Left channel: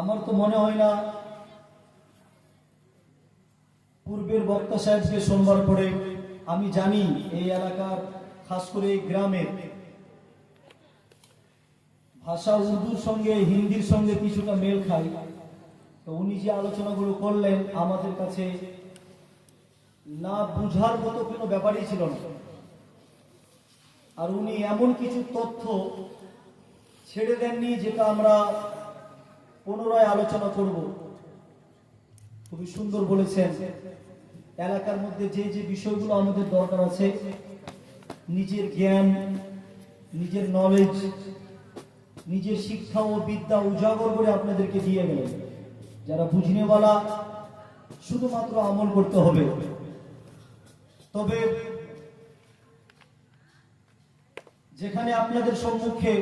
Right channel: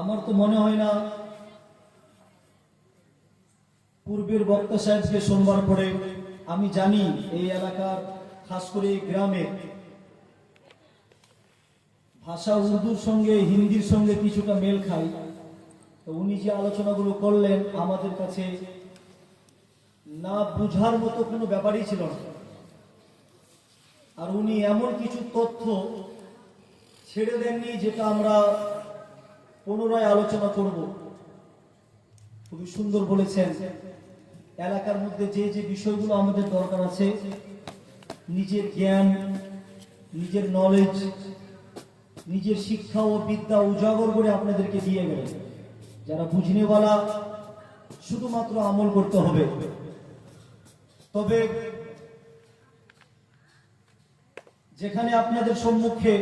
আমার তো মনে হয় না পূর্বের বক্তা সাহেবকে শুনবার পরে আমি জানি এই এলাকার খাস করে এই গ্রামের ভাষা উর্দুর সঙ্গে হিন্দির সঙ্গে কিছুটা মেল খায়। তো উনি যে আলোচনাগুলো করলেন আমাদের কাছে না বুঝার মতো কোনো ব্যাপারই ছিল না। আর উনি এমন কিছু তথ্য ছেড়ে দেননি যেটা আমরা পুনরায় আলোচনা করব। খুবই সুন্দর বলেছেন। এলাকার মধ্যে যে যে বিষয়গুলো আমাদের দরকার আছে, নিজের জ্ঞান, নিজের নলেজ, নিজের শিক্ষা ও বিদ্যা উজাগর করে আপনাদেরকে দিয়ে গেলেন। যারা বুঝনেওয়ালা শুধুমাত্র আমল করতে হবে। তবে যেখানে আপনাদের সম্মুখে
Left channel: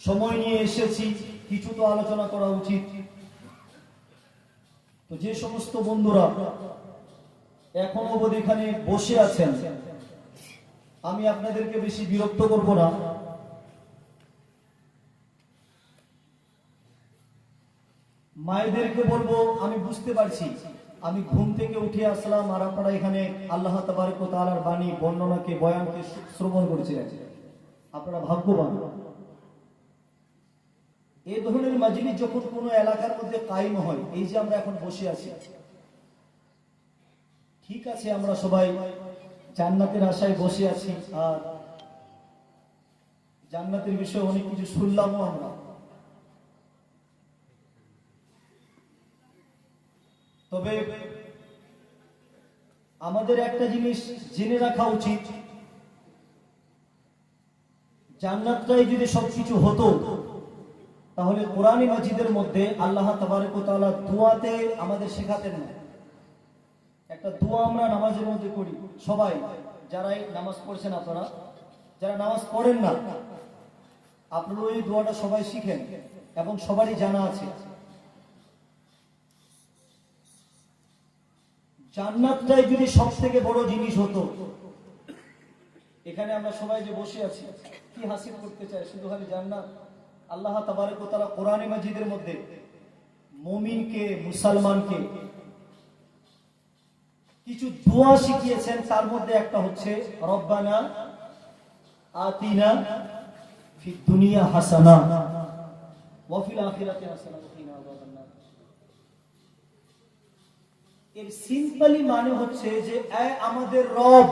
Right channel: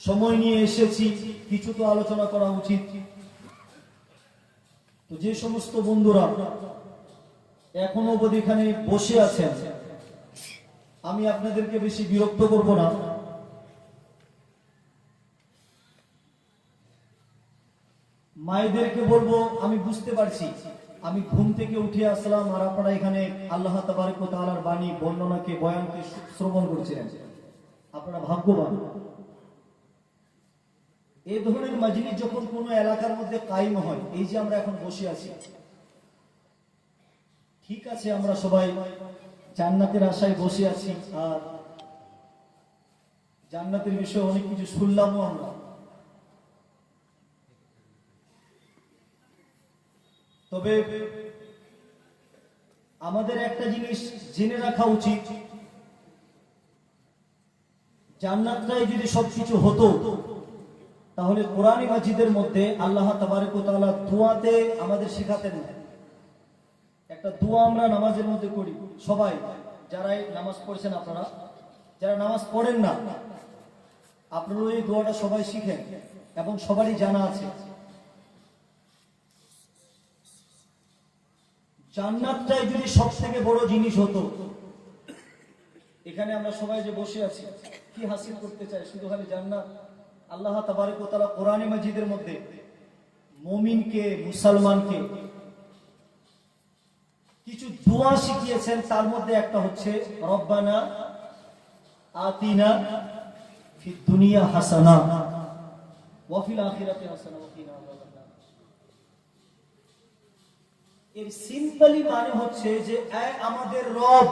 সময় নিয়ে এসেছি, কিছু তো আলোচনা করা উচিত। তো যে সমস্ত বন্ধুরা এখনো অবধি এখানে বসে আছেন, আমি আপনাদেরকে বেশি বিরক্ত করব না। মায়েদেরকে বলবো, আমি বুঝতে পারছি আমি ঘুম থেকে উঠে আসলাম আর আপনারা এখানে আল্লাহ তাবারক ওয়া তাআলার বাণী বর্ণনাকে বয়ানকে শ্রবণ করছিলেন। আপনারা ভাগ্যবান। এই ধরনের মাজলিস যখন কোনো এলাকার মধ্যে কায়েম হয়, এই যে আমরা এখন বসে আছি, ঠিক আছে আমরা সবাই জান্নাতের আশায় বসে আছি আর জান্নাতের বিষয়ে অনেক কিছু শুনলামও আমরা। তবে আমাদের একটা জিনিস জেনে রাখা উচিত, জান্নাতটাই যদি সবকিছু হতো তাহলে কোরআনী মাজিদের মধ্যে আল্লাহ তাবারক ওয়া তাআলা দোয়াতে আমাদের শেখাতেন না। একটা দোয়া আমরা নামাজের মধ্যে করি সবাই, যারাই নামাজ পড়ছেন, আপনারা যারা নামাজ পড়েন না, আপনারাও এই দোয়াটা সবাই শিখেন এবং সবারই জানা আছে। জান্নাতটাই যদি সব থেকে বড় জিনিস হতো, এখানে আমরা সবাই যে বসে আছি কি হাসিল করতে চাই? শুধু খালি জান্নাত। আল্লাহ তাবারক ওয়া তাআলা কোরআনী মাজিদের মধ্যে মুমিনকে, মুসলমানকে কিছু দোয়া শিখিয়েছেন। তার মধ্যে একটা হচ্ছে রব্বানা আতিনা ফিদ দুনিয়া হাসানা ওয়া ফিল আখিরাতি হাসানা ওয়া কিনা আযাবান নার। এর সিম্পলি মানে হচ্ছে যে এ আমাদের রব,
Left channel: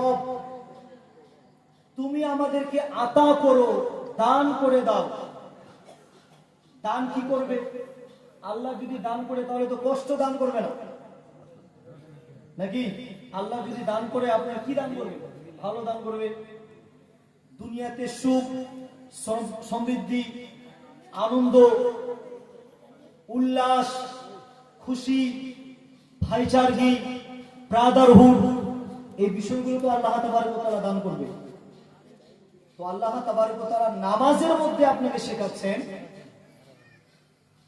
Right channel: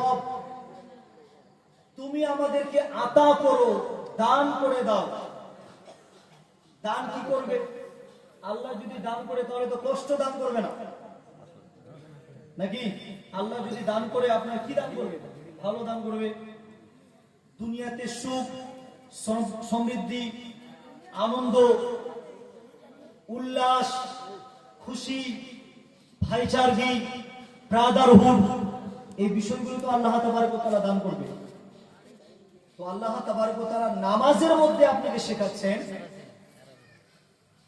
তুমি আমাদেরকে আতা করো, দান করে দাও। দান কি করবে? আল্লাহ যদি দান করে তাহলে তো কষ্ট দান করবে না, নাকি? আল্লাহ যদি দান করে আপনার কি দান করবে? ভালো দান করবে। দুনিয়াতে সুখ, সমৃদ্ধি, আনন্দ, উল্লাস, খুশি, ভাইচারগি, ব্রাদারহুড, এই বিষয়গুলো তো আল্লাহ তাবারক ওয়া তাআলা দান করবে। তো আল্লাহ তাবারক ওয়া তাআলা নামাজের মধ্যে আপনাকে শেখাচ্ছেন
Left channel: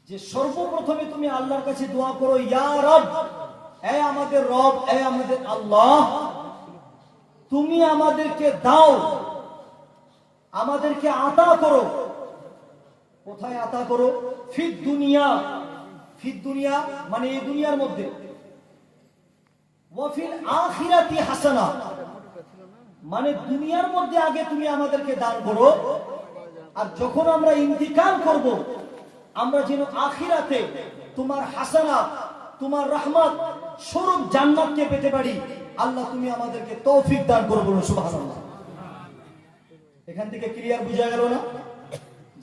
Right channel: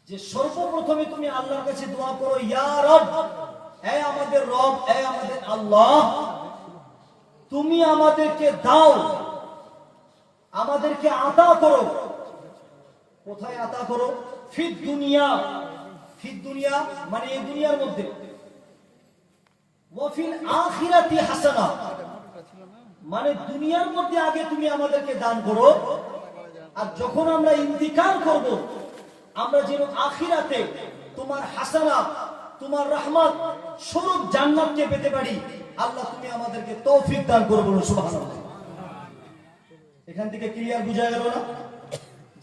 যে সর্বপ্রথমে তুমি আল্লাহর কাছে দোয়া করো, ইয়া রব, হে আমাদের রব, হে আমাদের আল্লাহ, তুমি আমাদেরকে দাও, আমাদেরকে আতা করো। কোথায় আতা করো? ফিদ দুনিয়া। ফিদ দুনিয়া মানে এই দুনিয়ার মধ্যে। ওয়া ফিল আখিরাতি হাসানা মানে দুনিয়ার মধ্যে আগে তুমি আমাদেরকে দান করো, আর যখন আমরা ইন্তিকাল করব আমরা যেন আখিরাতে তোমার হাসানা, তোমার রহমত স্বরূপ জান্নাতকে পেতে পারি। আল্লাহ তুমি আমাদেরকে তৌফিক দান করো, বলো সুবহানাল্লাহ। এখান থেকে ক্লিয়ার বোঝা গেল না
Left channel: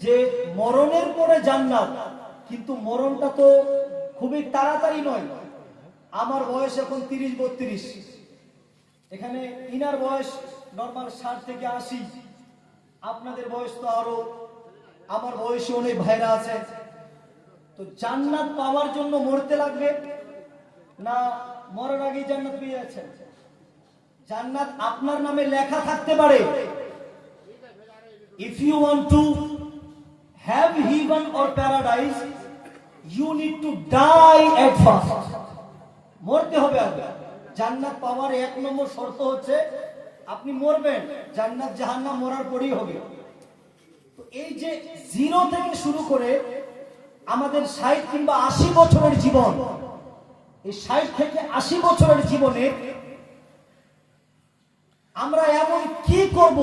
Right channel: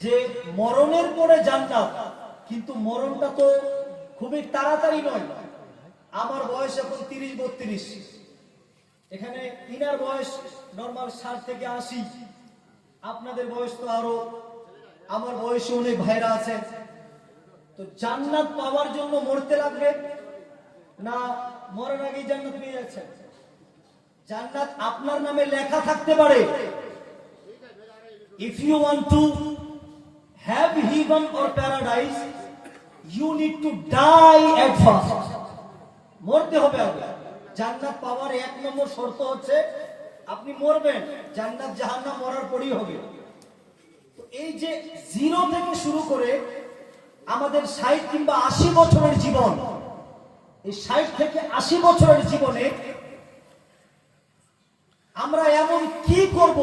যে মরণের পরে জান্নাত? কিন্তু মরণটা তো খুবই তাড়াতাড়ি নয়। আমার বয়স এখন 30-32, এখানে ইনার বয়স নরমাল 60 থেকে 80, আপনাদের বয়স তো আরো, আমার বয়সে অনেক ভাইরা আছে। তো জান্নাত পাওয়ার জন্য মরতে লাগবে না মরার আগেই জান্নাত পেয়ে যাচ্ছেন? জান্নাত আপনার নামে লেখা থাকতে পারে। If you want to have heaven or paradise, you need to die at first. মরতে হবে আগে। জান্নাত পাওয়ার 1 নম্বর শর্ত হচ্ছে আপনি মরবেন। জান্নাত জাহান্নাম মরার পরেই হবে। তো এই যে জিরো থেকে শুরু করে আমাদের 60 কিংবা 80 বছরের জীবন, এই 60 থেকে 80 বছরের জীবনে আমরা এমন কি করব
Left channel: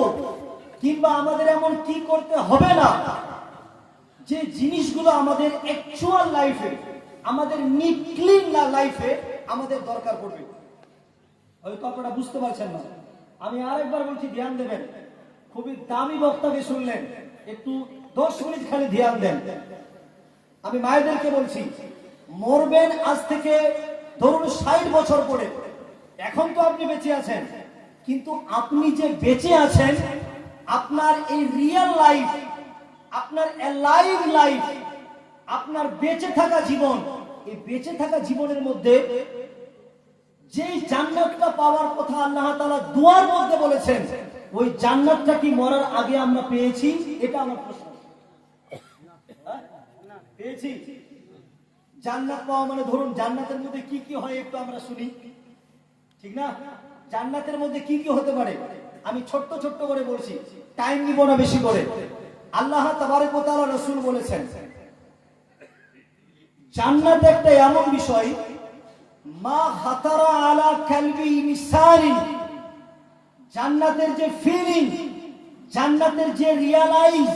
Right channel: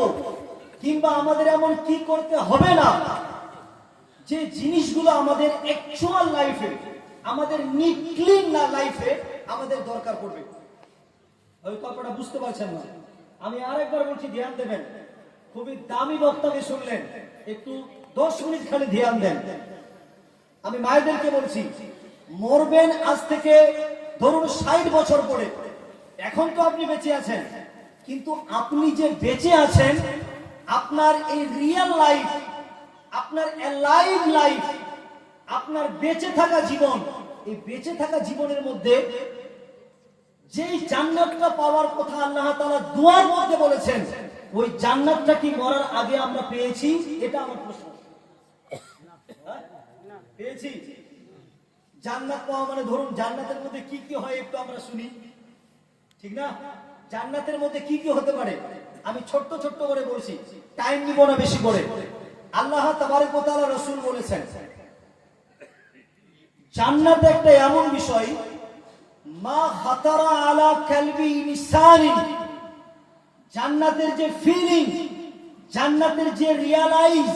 কিংবা আমাদের এমন কি করতে হবে না যে জিনিসগুলো আমাদের অ্যাকচুয়াল লাইফে, আমাদের নিক্লিন লাইফে আমাদের দরকার পড়বে। হয়তো আপনারা বুঝতে পারছেন না। আমি আরেকবার বলছি, ধ্যান দেবেন। খুবই দামি বক্তাকে শুনলেন, একটু 10 মিনিট খালি ধ্যান দেন। আমি মায়েদেরকে বলছি, মরবেন আজ থেকে ধরুন 60 বছর পরে। এখন তো আপনি বেঁচে আছেন, কিন্তু আপনি যে বেঁচে আছেন, আপনার এই রিয়েল লাইফ, আপনার অ্যালাইভ লাইফ, আপনার বেঁচে থাকা জীবন, এই বেঁচে থাকা জীবনের মধ্যে যেই জান্নাতটা পাওয়ার কথা আল্লাহ তাআলা দুয়ার মধ্যে বলেছেন, ওই জান্নাতটা কি মরার আগে আমরা পেয়েছি? এটা আমার প্রশ্ন। পেয়েছি? জান্নাত পাওয়া মানে ধরুন জান্নাতের মধ্যে কি কি হয় একটু আমরা শুনি, ঠিক না? জান্নাতের মধ্যে কি কি হতে পারে আমি ছোট্ট ছোট্ট করে বলছি, টাইম নিব না বেশি করে। আল্লাহ তাবারক ওয়া তাআলা, রাসূল বলেছেন, জান্নাত একটা এমন বিষয়, মা খাতারা আলা কালবি ইনসানিন, জান্নাতের যে ফিলিং, জান্নাতের যে রিয়ালাইজ,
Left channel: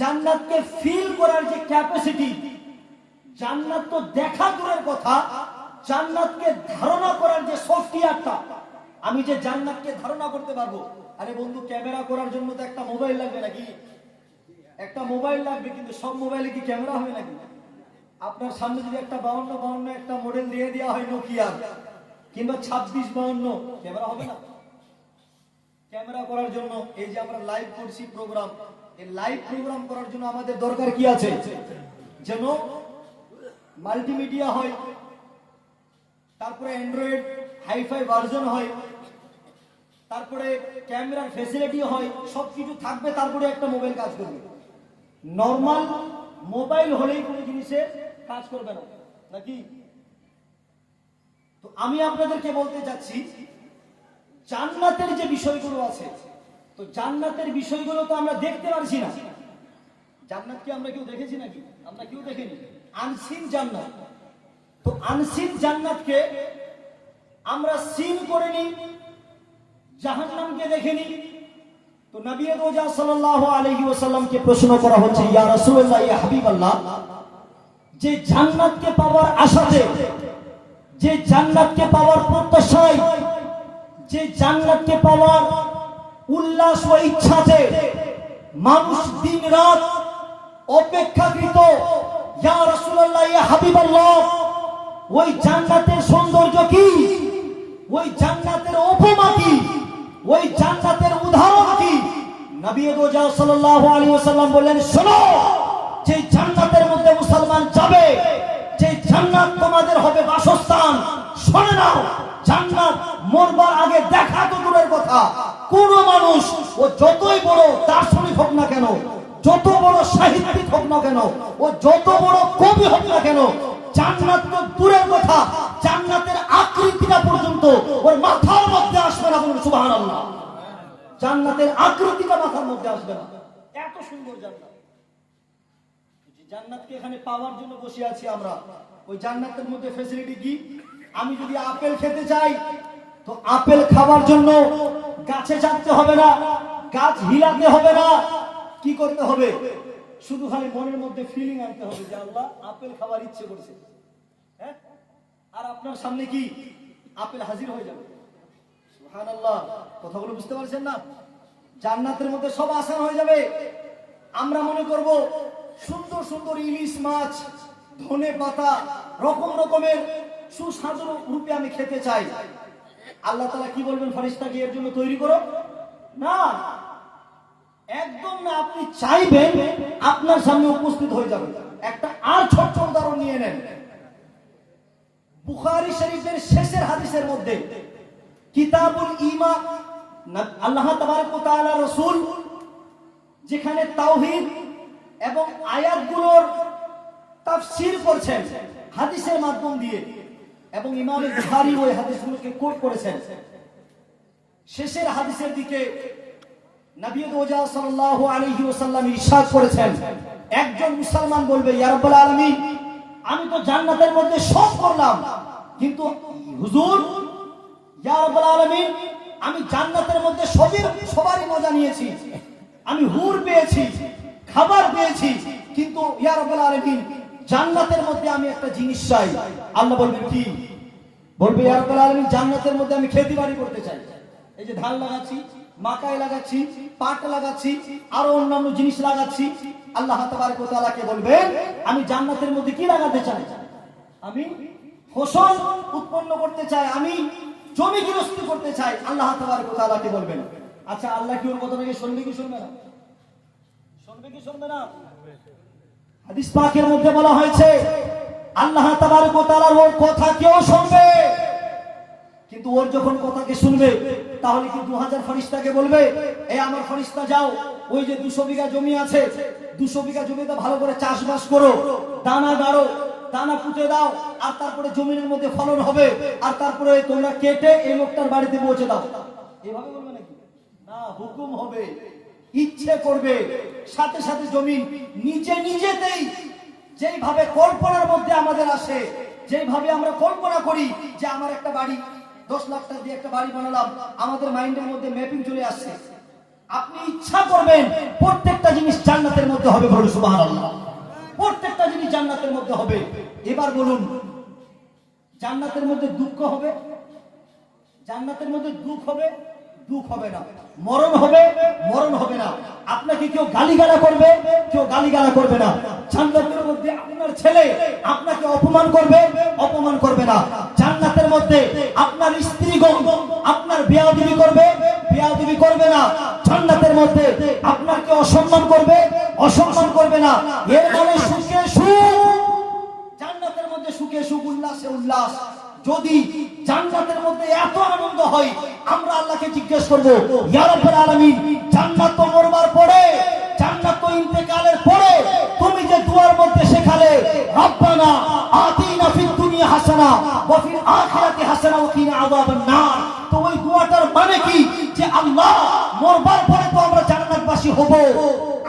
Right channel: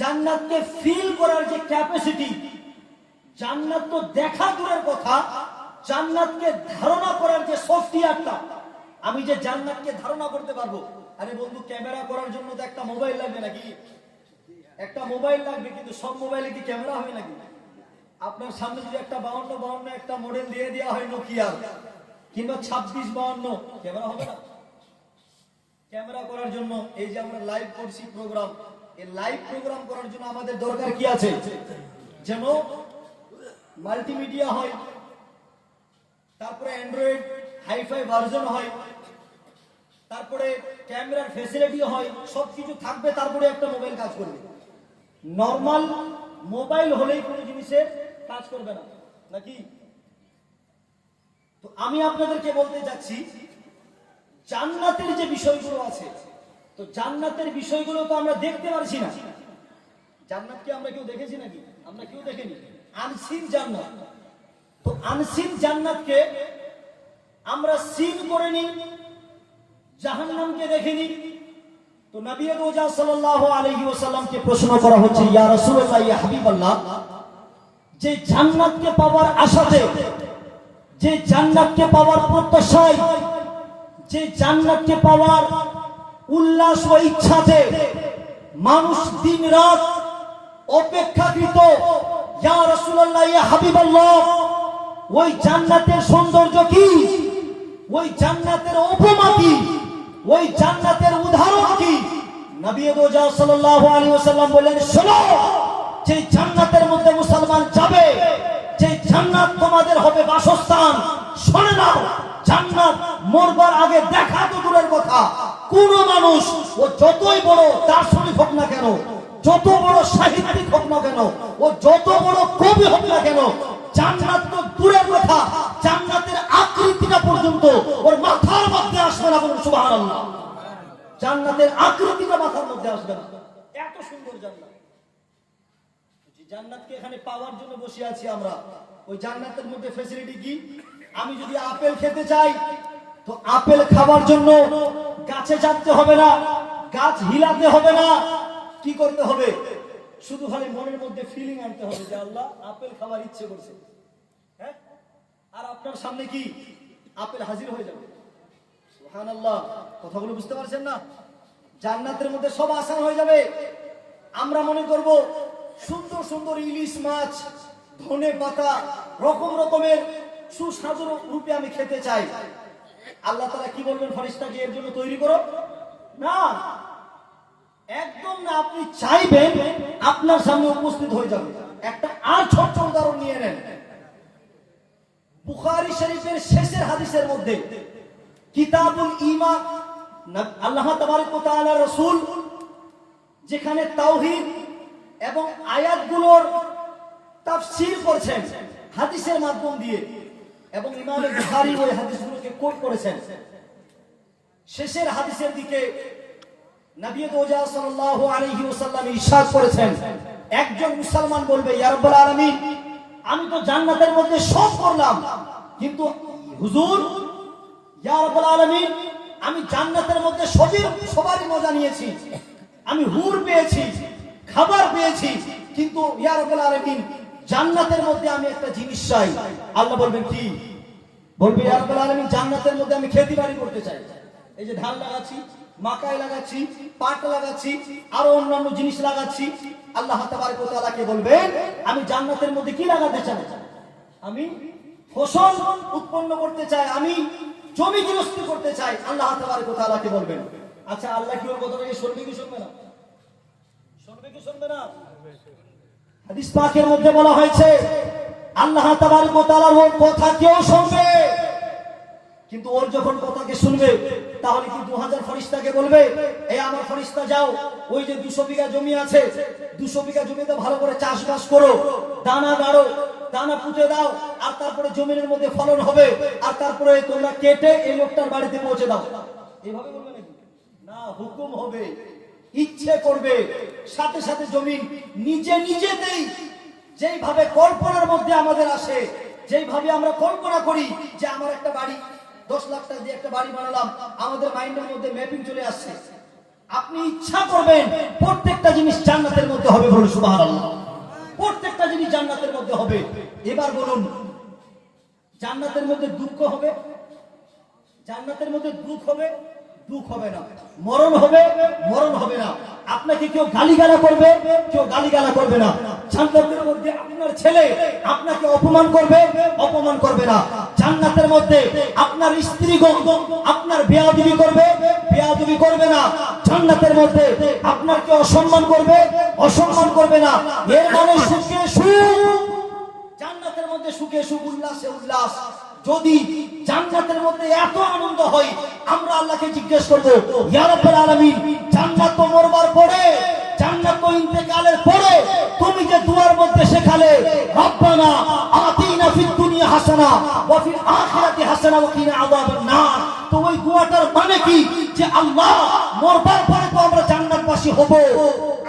জান্নাতকে ফিল করার যে ক্যাপাসিটি, জান্নাত তো দেখা দূরের কথা, জান্নাতকে ধারণা করার যে সফটওয়্যারটা, আমি যে জান্নাতকে ধারণা করতে পারবো। আরে বন্ধু, ক্যামেরা করার জন্য তো একটা মোবাইল লাগবে নাকি? একটা মোবাইল লাগবে, কিন্তু সব মোবাইলে কি ক্যামেরা হয় নাকি? আপনার সামনে যদি একটা 5252 একটা মডেল দিয়ে দেওয়া হয় নোকিয়া, কিংবা 2652, ক্যামেরা হবে না? ক্যামেরা করার জন্য এই যে আমরা লাইভ করছি প্রোগ্রাম, এই লাইভ প্রোগ্রাম করার জন্য আমাদের দরকার কি আছে? যেন মাল্টিমিডিয়া হয়, তারপরে অ্যান্ড্রয়েড হাইফাই ভার্জন হয়, তারপরে ক্যামেরার ফ্যাসিলিটি হয়, সবকিছু থাকবে, তারপরে একটা মোবাইল কাজ করবে। নরমাল মোবাইল হলেই কোনো জিনিসের কাজ করবে না নাকি? তো আমি আপনাদেরকে বলতে চাচ্ছি, জান্নাতের যে বিষয়গুলো আছে, তো জান্নাতের বিষয়গুলো তো আমরা দেখতে পারছি না। জান্নাতকে আমরা কেউ দেখেছি নাকি? আমরা কেউ দেখিনি। আনসিন জান্নাত। তো আনসিন জান্নাতকে আমরা সিন করে নিই, জাহান্নামকে দেখেনি। তো নবী রোজা সাল্লাল্লাহু আলাইহি ওয়াসাল্লামকে প্রশ্ন করা হচ্ছে, ইয়া রাসূলুল্লাহ, ইয়া হাবিবাল্লাহ, যে জান্নাতকে পাওয়ার আশাতে, যে জান্নাতকে পাওয়ার প্রত্যাশায়, যে জান্নাতকে পাওয়ার উল্লাস ও ইচ্ছাতে মানুষ দিন রাত অপেক্ষাকৃত, ইয়া রাসূলুল্লাহ, ইয়া হাবিবাল্লাহ, ওই জান্নাতের সৌন্দর্য কি? ওই জান্নাতের উপমা কি? ওই জান্নাতের উদাহরণ কি? নবী রোজা সাল্লাল্লাহু আলাইহি ওয়াসাল্লাম বললেন, শোনো, যে জান্নাতের মধ্যে মুসলমান যাবে, যে জান্নাত তোমাদের হবে বাসস্থান, শুনে নাও, জান্নাত মরবার আগে দেখা তো দূরের কথা, কোন মানুষ ও যতই বড় দার্শনিক হোক না কেন, যত বড় সাহিত্যিক হোক না কেন, ও যত বড় কবি হোক না কেন, জান্নাত তো দূরের কথা, জান্নাতের আকৃতিটা পর্যন্ত ওর মাথার মধ্যে আসবে না। বলুন সুবহানাল্লাহ। জান্নাতের আকৃতিটা মাথার মধ্যে আসবে না, এত সুন্দর জান্নাত। জান্নাতকে এখানে পাওয়ার জন্য বসে আছি আমরা। ওই জান্নাতের মধ্যে ফ্যাসিলিটি কি? আমি যদি আপেল খেতে চাই, তো আপেল খাবার জন্য গাছে চাপতে হবে না, গাছ হিলাতে হবে না। কি করতে হবে? শুধু খালি মনের মধ্যে ফিলিং আনতে হবে যে আল্লাহ আপেল খাবার ইচ্ছে করছে, হ্যাঁ, আর আপনার সামনে কি আপেল হাজির হয়ে যাবে। সুবহানাল্লাহ। কথাগুলো বুঝতে পারছেন না? জান্নাতের মধ্যে সব আসান হয়ে যাবে। আমরা মনে করব সুন্দর সুন্দর ইলিশ মাছ, ধনে পাতা, রকম রকমের সুস্বাদু রূপে আমি খেতে চাই। আল্লাহ তাআলা কি বলবেন? ফেরেশতাকে এর জন্য তৈরি করো না, একদম না। আপনি চাইবেন, আপনার সামনে উপস্থিত হয়ে যাবে। একটা আর ছোট্ট উদাহরণ নিয়ে নেন। বুখারী শরীফের শেষের হাদিসের মধ্যে, কিতাবুল ঈমান, আল্লাহ তাবারক ওয়া তাআলা রাসূল যেখানে তাওহীদ এবং আয়াতগুলোর তাফসীর করছেন হাদিসের মাধ্যম দিয়ে, এবং ইমাম বুখারী ওই হাদিসগুলোকে কোট করেছেন। শেষের হাদিসের দিকে নবী রোজা সাল্লাল্লাহু আলাইহি ওয়াসাল্লাম ইরশাদ করেছেন, একজন মুসলমান বলবে, ইয়া রাব্বুল আলামিন, আমি তো জান্নাতের মধ্যে সব করলাম, কিন্তু হুজুর, ইয়া রাব্বুল আলামিন, আমি জান্নাতের মধ্যে সবারই মজা নিয়েছি, আমি হুর পেয়েছি, খাবার পেয়েছি, কিন্তু ইয়া রাব্বুল আলামিন, জান্নাতের মধ্যে আমি একটা জিনিস চাই। আল্লাহ বলবেন কি? বলবে, ইয়া রাব্বুল আলামিন, জান্নাতের মধ্যে আমি খেতি বাড়ি করতে চাই। এই যে ধান লাগাচ্ছি, মাকাই লাগাচ্ছি, পাট লাগাচ্ছি, আরো অন্যান্য জিনিস লাগাচ্ছি। আল্লাহ তাবারক ওয়া তাআলাকে বলবেন, আমি জান্নাতের মধ্যে কি লাগাতে চাই? আমি ফসল উৎপন্ন করতে চাই, আমি জমি গৃহস্থী করতে চাই। আল্লাহ তাবারক ওয়া তাআলাকে বলবেন। আচ্ছা, আল্লাহ কি ওর কথাটাকে শুনবে কি শুনবে না? শুনবে কি শুনবে না? হাদিস পাকের মধ্যে বলা হয়েছে, আল্লাহ তাবারক ওয়া তাআলার ওর কথা কেউ শুনবে, কিন্তু ওর যখন কথাকে শুনবে, তাহলে কি 2000 ফেরেশতাকে বলবে, এই আমার ফেরেশতা যাও, ওই যে 200 বিঘা জমি আছে, 200 বিঘা জমিতে ভালো করে চাষবাস করো, দানা দাঁড়ো, দানা পুঁতে দাও, আর তারপরে জমির মধ্যে ফলন হবে, আর তারপরে তোমরা কেটে এই লোকটার বাড়িতে পৌঁছে দাও? এইভাবে বলবে নাকি? না, হুকুম হবে, ইচ্ছে করবে, সাথে সাথে জমিন নিজেতেই, যেইভাবে কল্পনার মধ্যে আমাদের আসে, যেইভাবে আমরা কল্পনা করি যে আমার একটা বাড়ি, 10 লাখ টাকা দিয়ে একটা বাড়ি বানালাম, আমাদের মাইন্ডের মধ্যে ম্যাপিং চলে আসছে। আপনি ইচ্ছা করবেন, প্রত্যেকটা জিনিস জান্নাতের মধ্যে হবে। বলুন সুবহানাল্লাহ। প্রত্যেকটা জিনিস জান্নাতের মধ্যে হবে। এবার বলুন, জান্নাতের মধ্যে দুঃখ হবে? জান্নাতের মধ্যে দুঃখ হবে? দুঃখ হবে না। মরণ হবে? মরণ হবে না। আপনাকে কেউ গালিগালা করবে? কেউ গালিগালা করবে না। জান্নাতের মধ্যে আপনার ছেলে আপনাকে অপমান করবে? অপমান করবে না। জান্নাতের মধ্যে আপনার স্ত্রীগণ আপনার বেয়াদবি করবে? বেয়াদবি করবে না। জান্নাতের মধ্যে আপনাকে অসম্মান করবে? অসম্মান করবে না। এর মানে সুখে সুখ, জান্নাতের মধ্যে সুখে সুখ, উল্লাসে উল্লাস। যদি জান্নাতের মধ্যে এত আনন্দ হয়, আমরা আল্লাহকে জিজ্ঞেস করব, ইয়া রাব্বুল আলামিন, জান্নাত তো মরবার পরে, জান্নাত তো ইন্তেকালের পরে, তুমি যে দুয়ার মধ্যে শেখালে, রব্বানা আতিনা ফিদ দুনিয়া হাসানা ওয়া ফিল আখিরাতি হাসানা ওয়া কিনা আযাবান নার, তো ওই দুয়াটার মানে কি? যে আল্লাহ, মরবার পরে তো আমরা জান্নাতবাসী হব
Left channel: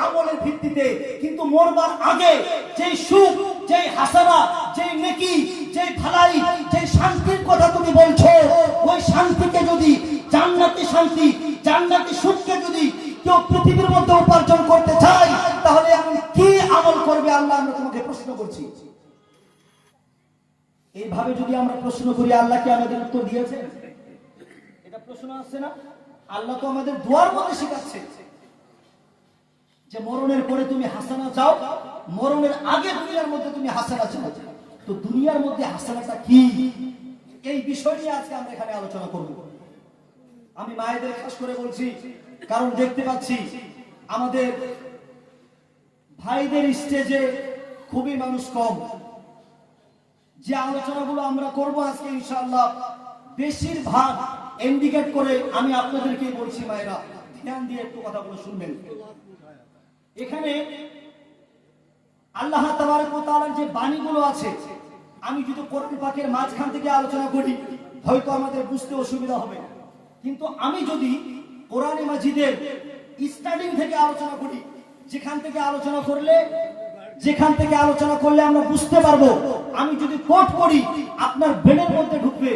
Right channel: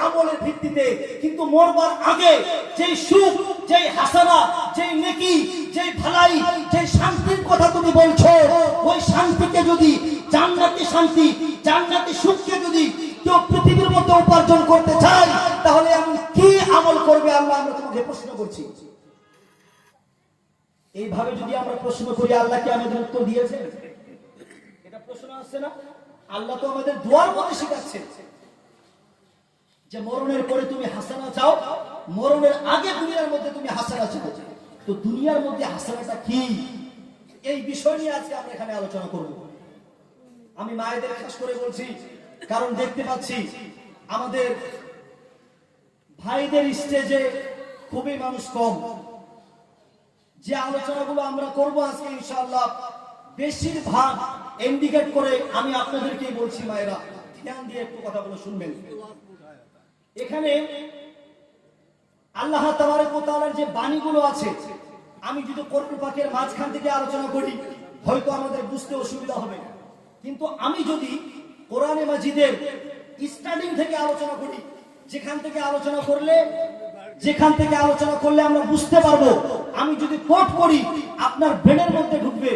আমলের ভিত্তিতে, কিন্তু মরবার আগে যেই সুখ, যেই হাসানা, যেই নেকি, যেই ভালাই, যেই শান্তির কথা তুমি বলছো, ওই শান্তিকে যদি, জান্নাতি শান্তি, জান্নাতি সুখকে যদি কেউ পৃথিবীর মধ্যে উপার্জন করতে চায়, তাহলে এমন কি আমল করবে আল্লাহ? আমরা তোমাকে প্রশ্ন করছি। এইভাবে যদি আমরা প্রশ্ন করি, আল্লাহ কি আমাদের উত্তর দিয়েছেন? এটা প্রশ্ন আসছে না? আল্লাহ তো আমাদের দুয়ার মধ্যে শিখাচ্ছে যে মরণের পরে তুমি হাসানা চাও, মরণের আগে দুনিয়ার মধ্যে তুমি হাসানা চাও। তো দুনিয়ার মধ্যে হাসানাটা কি? এই বিষয় নিয়ে আজকে আমরা এখানে আলোচনা করব। আমি মায়েদের খাস করে বলছি, কারণ দেখতে পাচ্ছি আমাদের ভাইদের স্টেজে খুবই মানুষ কম। যে আলোচনাগুলো আমরা করব আজকে ইনশাআল্লাহ, বেশিরভাগ ইন্ডিকেট করে আমি আপনাদেরকেই বলছি, মায়েরা ধ্যান দিয়ে একটু কথা বলে শুনবেন। এখানে আল্লাহ তাবারক ওয়া তাআলার যে বাণীগুলো আছে, আমি যদি কোরআন পাকের মাঝখান থেকে আলোচনা করি, হয়তো আমাদের বুঝতে অসুবিধা হবে, কিন্তু আমি যদি কোরআনে মাজিদের স্টার্টিং থেকে আলোচনা করি, যেখান থেকে আলোচনা করলে আমরা বুঝতে পারবো, আমি যদি কোট করি আপনার ব্রেনের মধ্যে ঢুকবে,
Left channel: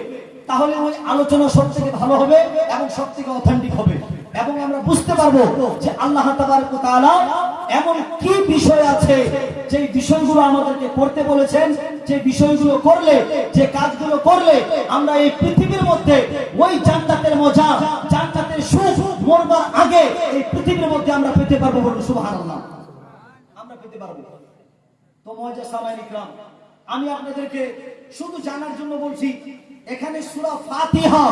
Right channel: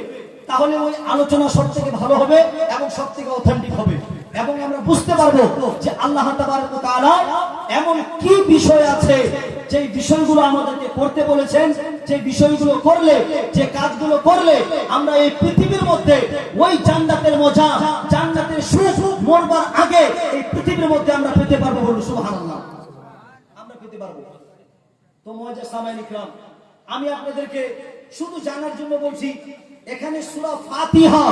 তাহলে ওই আলোচনা সব থেকে ভালো হবে এবং সব থেকে অথেন্টিক হবে, এবং আমরা বুঝতে পারবো যে আল্লাহ তাবারক ওয়া তাআলা এমন কি বিষয় আছে, যে বিষয়গুলো আমাদেরকে করতে বলেছেন, যে বিষয়গুলো করলে, যে কাজগুলো করলে আমরা এই পৃথিবীর মধ্যে ওই জান্নাতের মজা, জান্নাতের সুখ মরবার আগে এই পৃথিবীর মধ্যে আমরা পেতে পারবো। বলুন সুবহানাল্লাহ। আমরা পেতে পারবো। তো মুআজ্জাজ সামাঈন ইকরাম, আমি আপনাদেরকে শুধু জানার জন্য বলছি, এখানে সূরা ফাতিহা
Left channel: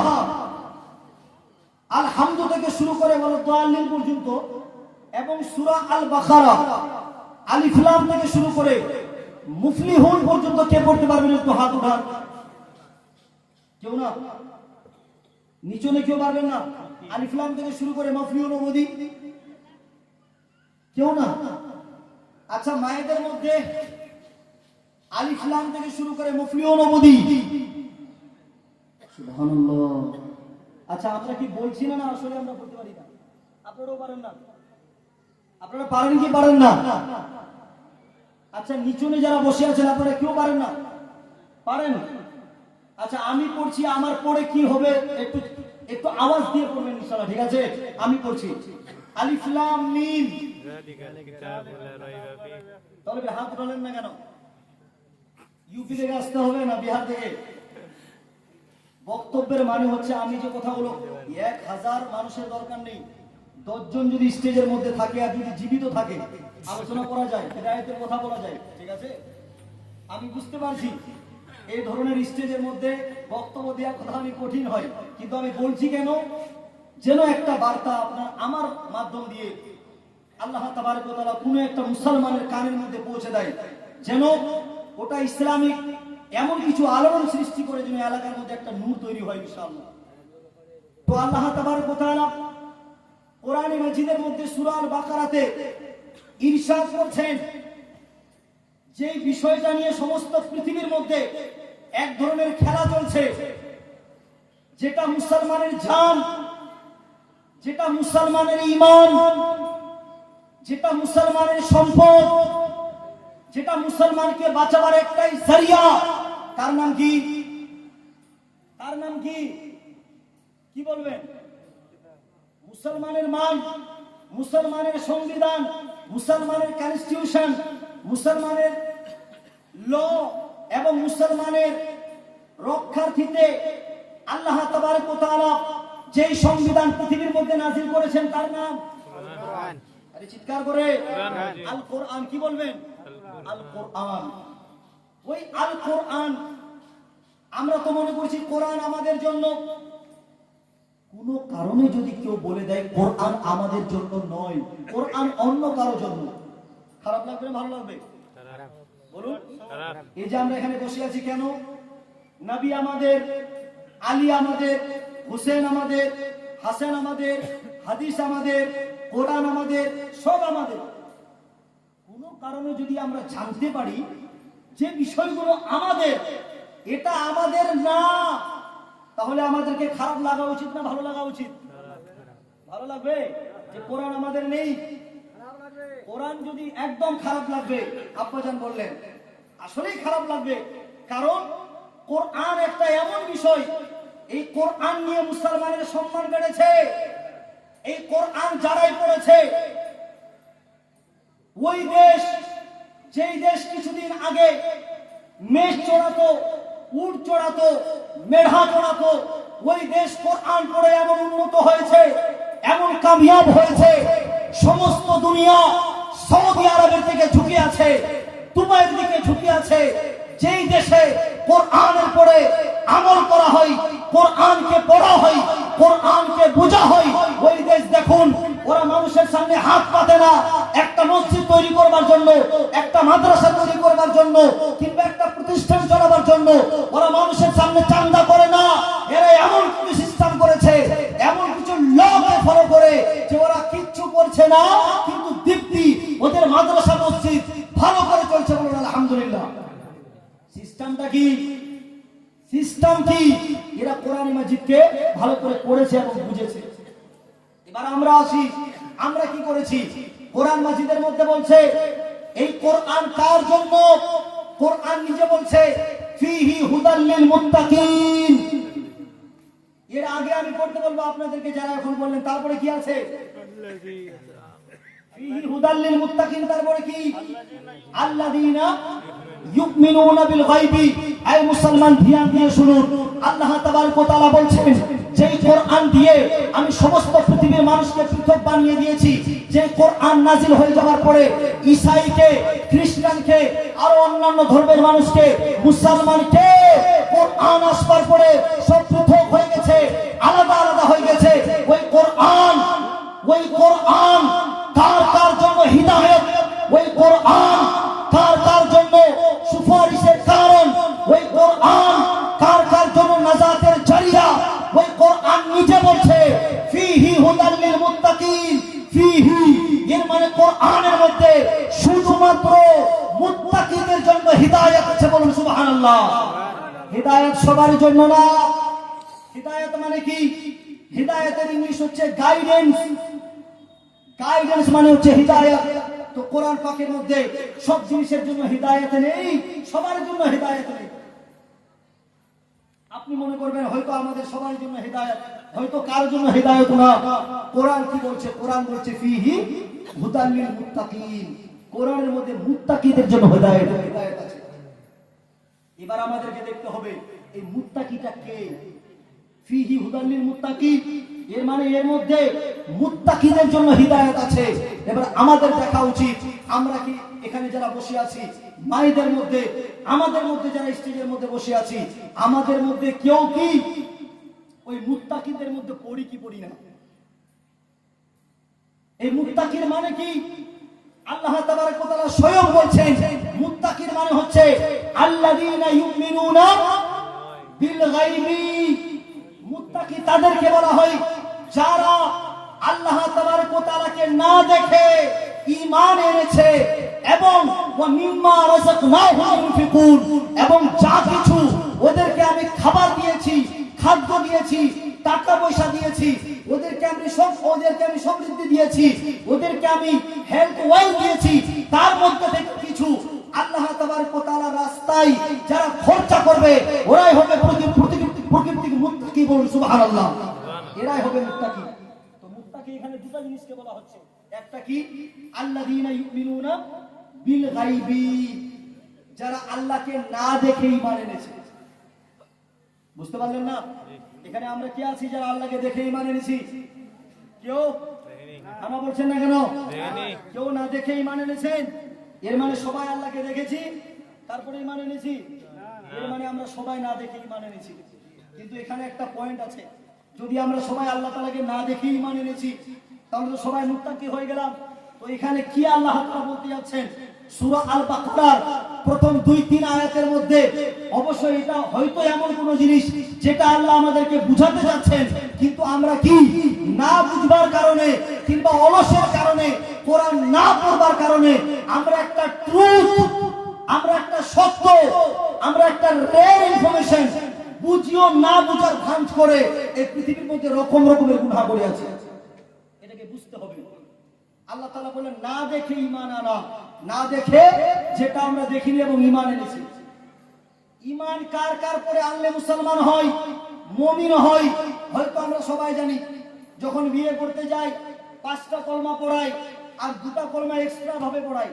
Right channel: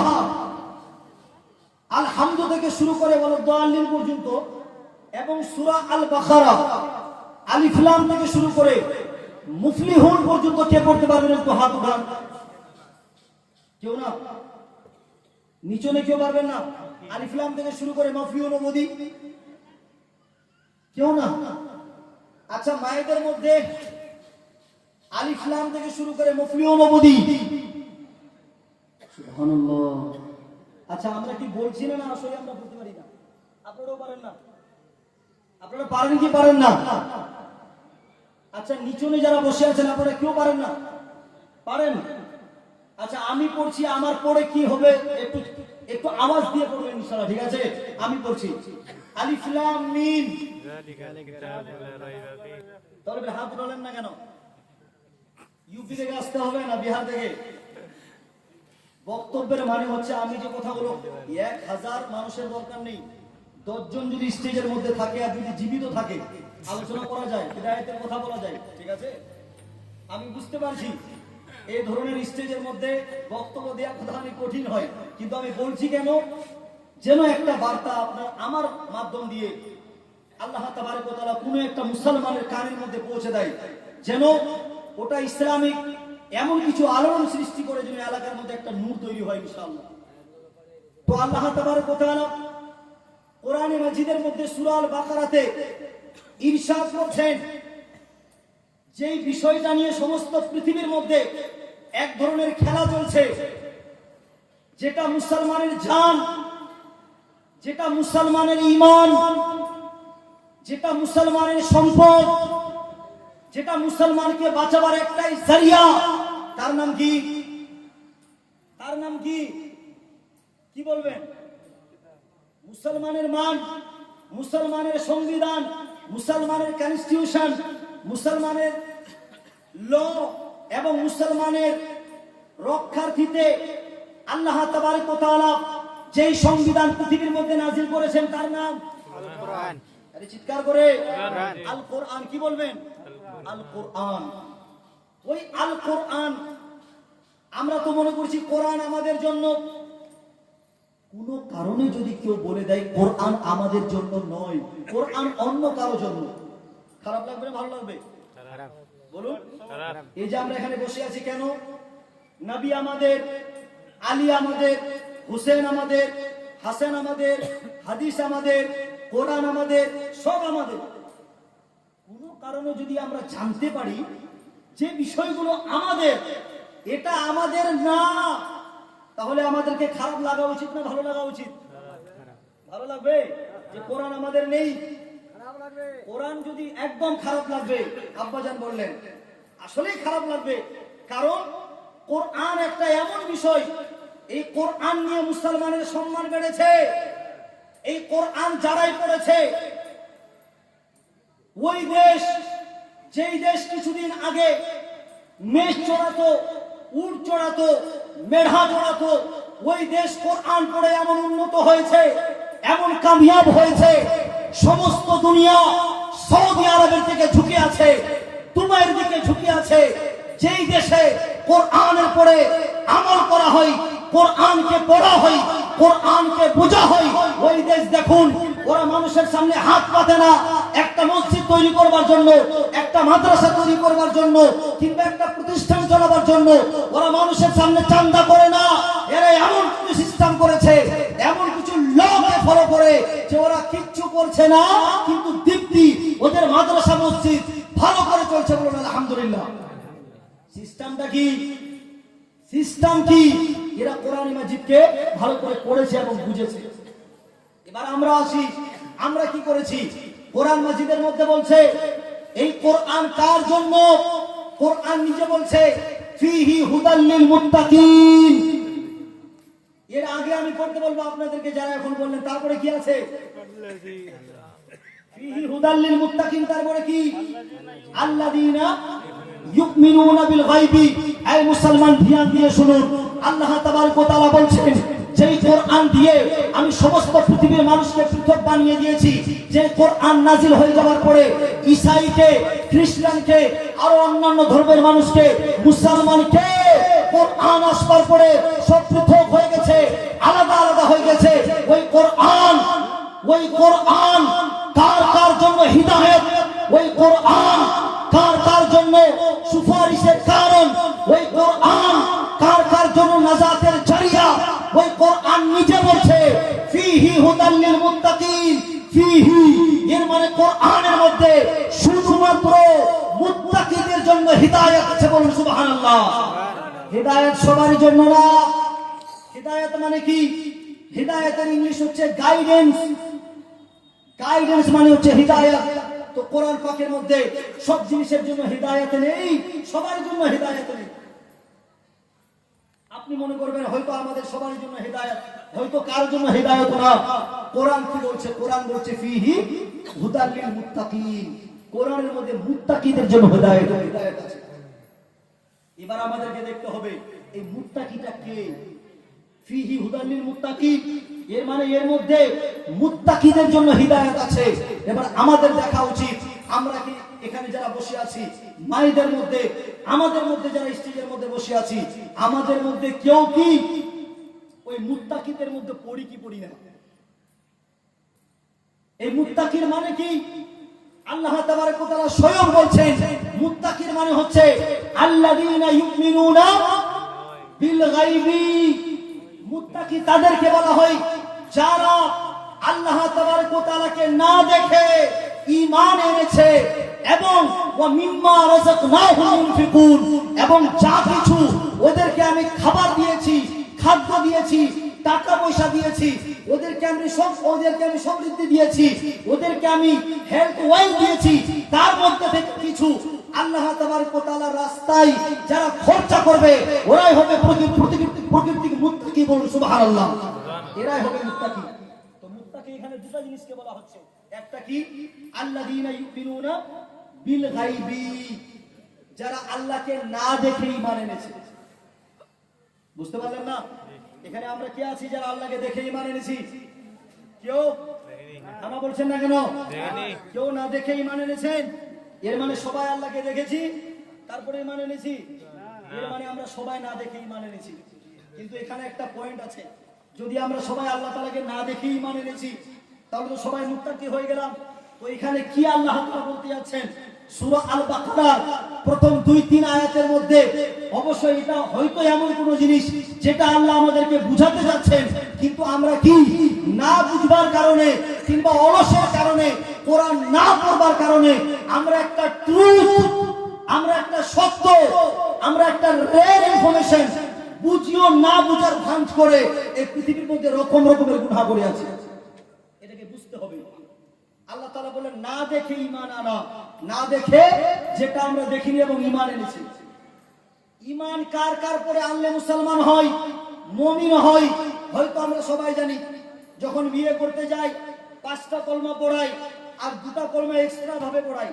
আলহামদু থেকে শুরু করে ওয়ালাদ-দাল্লিন পর্যন্ত, এবং সূরা আল বাকারা আলিফ লাম থেকে শুরু করে মুফলিহুন পর্যন্ত কে পড়তে পারবেন? একটু হাত উঠান। কেউ না? নিচনে কেউ পারবেন না? আলিফ লাম থেকে শুরু করে মুফলিহুন অবধি কেউ না? আচ্ছা, মায়েদের মধ্যে আলিফ লাম থেকে শুরু করে মুফলিহুন অবধি? সুবহানাল্লাহ। আচ্ছা, আমরা কি বলছি না আসলে আমরা পড়তে পারি না? আপনারাও পারেন না? আপনারা পারেন কি পারেন না? আচ্ছা, নিচনে যারা বসে আছেন আপনারা কেউ পারেন না? পারেন? আচ্ছা, আমি পড়ছি, আমার পড়ে কি হবে একটু একটু আওয়াজ দিয়ে পড়বেন ইনশাআল্লাহ, ঠিক আছে? আমি পড়ছি, আলিফ লাম মিম। তাহলে হাত উঠালেন না কেন? ইউপি থেকে আসতে হবে না বিহার থেকে? বক্তব্যের মানে হচ্ছে আমি যে কথাগুলো 1000 মানুষের দরকার নেই, 10 জন যদি স্টেজের মধ্যে থাকে আর যদি জীবিত থাকে আলোচনা করা যায়, হিদায়াতের কথা বলা যায়, ঠিক আছে? আমি বুঝতে পারছি এই ধরনের স্টেজের মধ্যে বক্তব্য দেওয়া কথা অনেক কঠিন হয়, কিন্তু আমি বলছি কেন, যেন একটা বার্তা আপনার আমার মাধ্যম দিয়ে আল্লাহ তাবারক ওয়া তাআলা কোনো একটা মুসলমানের কানের মধ্যে পৌঁছে দেয়, যেন ওটা ইসলামিক এমন কিছু আলোড়ন সৃষ্টি করে যেন এলাকার মধ্যে একটা নূর তৈরি হয় ইনশাআল্লাহ। তো আল্লাহ তাবারক ওয়া তাআলা কোরআনে মাজিদের মধ্যে সূরা আল বাকারাতে ইরশাদ করছেন, যেই বিষয়টা নিয়ে সমস্ত পৃথিবীর মধ্যে এক ধরনের খেলা চলছে, যেটা মুসলমানের জান, যেটা মুসলমানের ঈমান, যেটা মুসলমানের সম্পদ, যেটা মুসলমানকে বাঁচাবার একটাই জরিয়া, তার নাম কি? তার নাম কি? কি বলবেন? মুসলমানের মান, মুসলমানের সংবিধান, মুসলমানের কনস্টিটিউশন, মুসলমানের ল এবং মুসলমানের রক্ষার্থীতে আল্লাহ তাবারক ওয়া তাআলা যেই সংবিধান পৃথিবীর মধ্যে নাজিল করেছেন তার নাম কোরআন। আরে চিৎকার করে আল কোরআন। কি বলবেন? আল কোরআন। ওই আল কোরআন, আমরা তো মনে করছি কোরআন আমাদের জন্য, কোনো কারণে যদি কেউ বলে দেয় কোরআন আমাদের জন্য নয়, কোরআন অন্য কারো জন্য, খারাপ লাগবে না ভালো লাগবে? বলুন। এই যে আমরা এখানে বসে আছি কেন? নবী আমাদের, আলী আমাদের, হুসেন আমাদের, হাসান আমাদের, হাদিস আমাদের, কোরআন আমাদের, সব আমাদের। কোন কারণে যদি আমরা জানতে পারি যে বিষয়গুলো আমাদের, এটা আমাদের না, তাহলে আমাদেরকে খারাপ লাগা উচিত না ভালো লাগা উচিত? ভালো লাগবে যে কোরআন আমাদের নেই। কোরআন যদি একদম খারাপ লাগবে, আব্বাজান বললেন, আসলেই খারাপ লাগবে, কারণ কোরআন একটা এমন বিষয়, এই কোরআন নিয়ে মুসলমানের সম্মান বেড়েছে। এই কোরআন যারাই পড়েছে, ওই দেশ, যেই দেশ কিছুদিন আগে মেষ চড়াতো, উট চড়াতো, মেঢা চড়াতো, ওই দেশ কোরআন পড়ে এমন উন্নত হয়েছে, এমন কামিয়াব হয়েছে, সমস্ত দুনিয়া সৌদি আরবের দিকে ঝুঁকে আছে, দুবাইয়ের দিকে ঝুঁকে আছে। যেই দেশে কোরআনের পড়ে আমল করা হয়, কোরআনকে পড়া হয়, কোরআনকে বোঝা হয়, ওই দেশ দেখুন, ওরা মানুষের সামনে হাত পাতে না একটা মসজিদ তৈরি করবার জন্য, একটা মাদ্রাসা তৈরি করবার জন্য, কিংবা একটা প্রতিষ্ঠান চালাবার জন্য। ওরা মানুষের সামনে চান্দা করে না। এরা এমন কিছু সিস্টেম করেছে, এমন কিছু লকে ফলো করে যে ওরা কিচ্ছু করছে না, কিন্তু দীপ্তি ওদের মাদ্রাসা মসজিদ ভালো করে চলছে। বলুন আলহামদুলিল্লাহ। সিস্টেমটা কি? সিস্টেম কি? এরা কোরআন মাজিদকে ভালো করে পড়েছে এবং বুঝেছে। এবার আমরা আসি, আমরা কি করেছি? কোরআন মাজিদের মধ্যে বলছে এই কোরআন কার জন্য? কোরআন নিজে বলছে ফিহি হুদাল লিল মুত্তাকিন। এর আগে আমি পড়তে বলবো আপনাদেরকে, যারা এখন বললেন, তারপরে কি আছে? ফিহি হুদাল লিল মুত্তাকিন, তারপরে কি? আল্লাযীনা ইউমিনুনা বিল গায়বি। এই মুসলমান ধ্যান দিয়ে শুনুন, আল্লাহ তাবারক ওয়া তাআলা বলছেন যে কোরআন দিয়ে আমি সমস্ত পৃথিবীর মানুষকে পৃথক বানিয়ে দিয়েছি। যে কোরআন নাজিল হয়ে যাওয়ার পরে ঈসাইকে, খ্রিস্টানকে, আরো অন্যান্য ধর্মের মানুষকে, মুসলমানকে কোরআন আসবার পরে সব পৃথক হয়ে গেছে, আলাদা আলাদা হয়ে গেছে। ওই কোরআন কার কার জন্য হিদায়াত, ওই কোরআন কার কার জন্য সুপারিশের কারণ, ওই কোরআন কার কার জন্য নাজাতের জরিয়া, ওই কোরআন নিজে বলছে ফিহি হুদাল লিল মুত্তাকিন। ফিহি এর মানে কোরআনের মধ্যে শুধুমাত্র মুত্তাকিদের জন্য হিদায়াত আছে। বলুন সুবহানাল্লাহ। হিদায়াত সবার জন্য না। হিদায়াত মানে কি? হিদায়াতের ইংলিশ হচ্ছে গাইডেন্স। গাইডেন্স মানে হচ্ছে হিদায়াত। তো কোরআন পাকের মধ্যে সব জিনিসের জন্য হিদায়াত নেই, সবার জন্য হিদায়াত নেই। আপনি মনে করবেন হয়তো আমাদের সবার জন্য হিদায়াত, হয়তো কারোর জন্য হিদায়াত না। কোরআন কি বলছে? কোরআন বলছে ফিহি হুদাল লিল মুত্তাকিন, কোরআনের মধ্যে মুত্তাকিদের জন্য হিদায়াত আছে। এবার আমাদেরকে দেখতে হবে এই মুত্তাকিটা কে। ফিহি হুদাল লিল মুত্তাকিন, এর মানে এর মধ্যে মুত্তাকিদের জন্য হিদায়াত আছে। এবার আমাদের দেখা উচিত আমরা কি এখানে যারা বসে আছি মায়েদের মধ্যে, আমাদের মধ্যে যারা স্টেজের মধ্যে বসে আছি, আমাদের মধ্যে কেউ কি ওই মুত্তাকিদের মধ্যে পড়ি কি পড়ি না? এই মুত্তাকির মানে কি? আল্লাহ তাবারক ওয়া তাআলা স্বয়ং বলছেন মুত্তাকির মানে হচ্ছে আল্লাযীনা ইউমিনুনা বিল গায়বি। মুত্তাকি তাদেরকে বলা হয় যারা আল্লাহ তাবারক ওয়া তাআলাকে না দেখে ঈমান এনেছে এবং ওয়া মিম্মা রাযাকনাহুম ইউনফিকুন, এবং যা কিছু ওদেরকে আমি খাবার দিয়েছি, খাদ্য দিয়েছি, টাকা পয়সা দিয়েছি, ওদেরকে আমি সমৃদ্ধি দিয়েছি, ওদেরকে আমি হেলথ ওয়েলথ দিয়েছি, তার মধ্যে থেকে কিছু আল্লাহ তাবারক ওয়া তাআলার রাস্তায় যারা খরচা করবে ওরাই হবে প্রকৃতিক মুত্তাকি। বলুন সুবহানাল্লাহ, এরাই হবে মুত্তাকি। তো মুত্তাকি এখানে দুটো জিনিসকে বলা হচ্ছে, একটা কি আল্লাযীনা ইউমিনুনা বিল গায়বি, যারা আল্লাহকে না দেখে ঈমান এনেছে। বুঝতে পারলেন না? এখানে আমরা কে আছি যারা আল্লাহকে দেখে ঈমান এনেছি? কেউ আমরা বলছেন না কেন? কেউ না দেখে ঈমান এনেছেন? এর মানে সবাই আল্লাহকে দেখেছি তারপরে ঈমান এনেছি? এর মানে আমরা সবাই না দেখে ঈমান এনেছি। কিন্তু এখানে একটা পয়েন্ট আছে, যদি আমরা সবাই আল্লাহ তাআলাকে না দেখে ঈমান এনেছি তাহলে তো সবাই মুত্তাকি হয়ে গেলাম। তো এখানে কি আল্লাহ তাআলা বলতে যাচ্ছেন? সূরা আল বাকারার প্রথম 2-3 আয়াতের মধ্যে অবশ্যই এটা হয়তো এমন কোন জিনিস যেটা আল্লাহ আমাদেরকে বুঝাতে যাচ্ছেন, কিন্তু আমরা কি না বুঝবার কারণে কিংবা অলসের কারণে, কোরআন না পড়বার কারণে আমরা একটা ট্রুথ, আমরা একটা সত্য, আমরা একটা রেয়ার ইনফরমেশন বুঝিও না বুঝার ভান করে এই পৃথিবীর মধ্যে রকমের গুনাহ করে আছে। এটাকে বুঝতে হবে। আল্লাহ তাআলা বলেন না দেখে ঈমান আনা, না দেখে যেটা আমরা দেখিনি এবং ঈমান এনেছি। ঈমান কার কার পরে আনলে মুসলমান হয়, মুমিন হয়? হয়তো আমরা সবাই জানি যখন বিয়ে করতে যাই 5টা কলমা পড়াই আর 2টা কলমা এক্সট্রা ভাবে পড়াই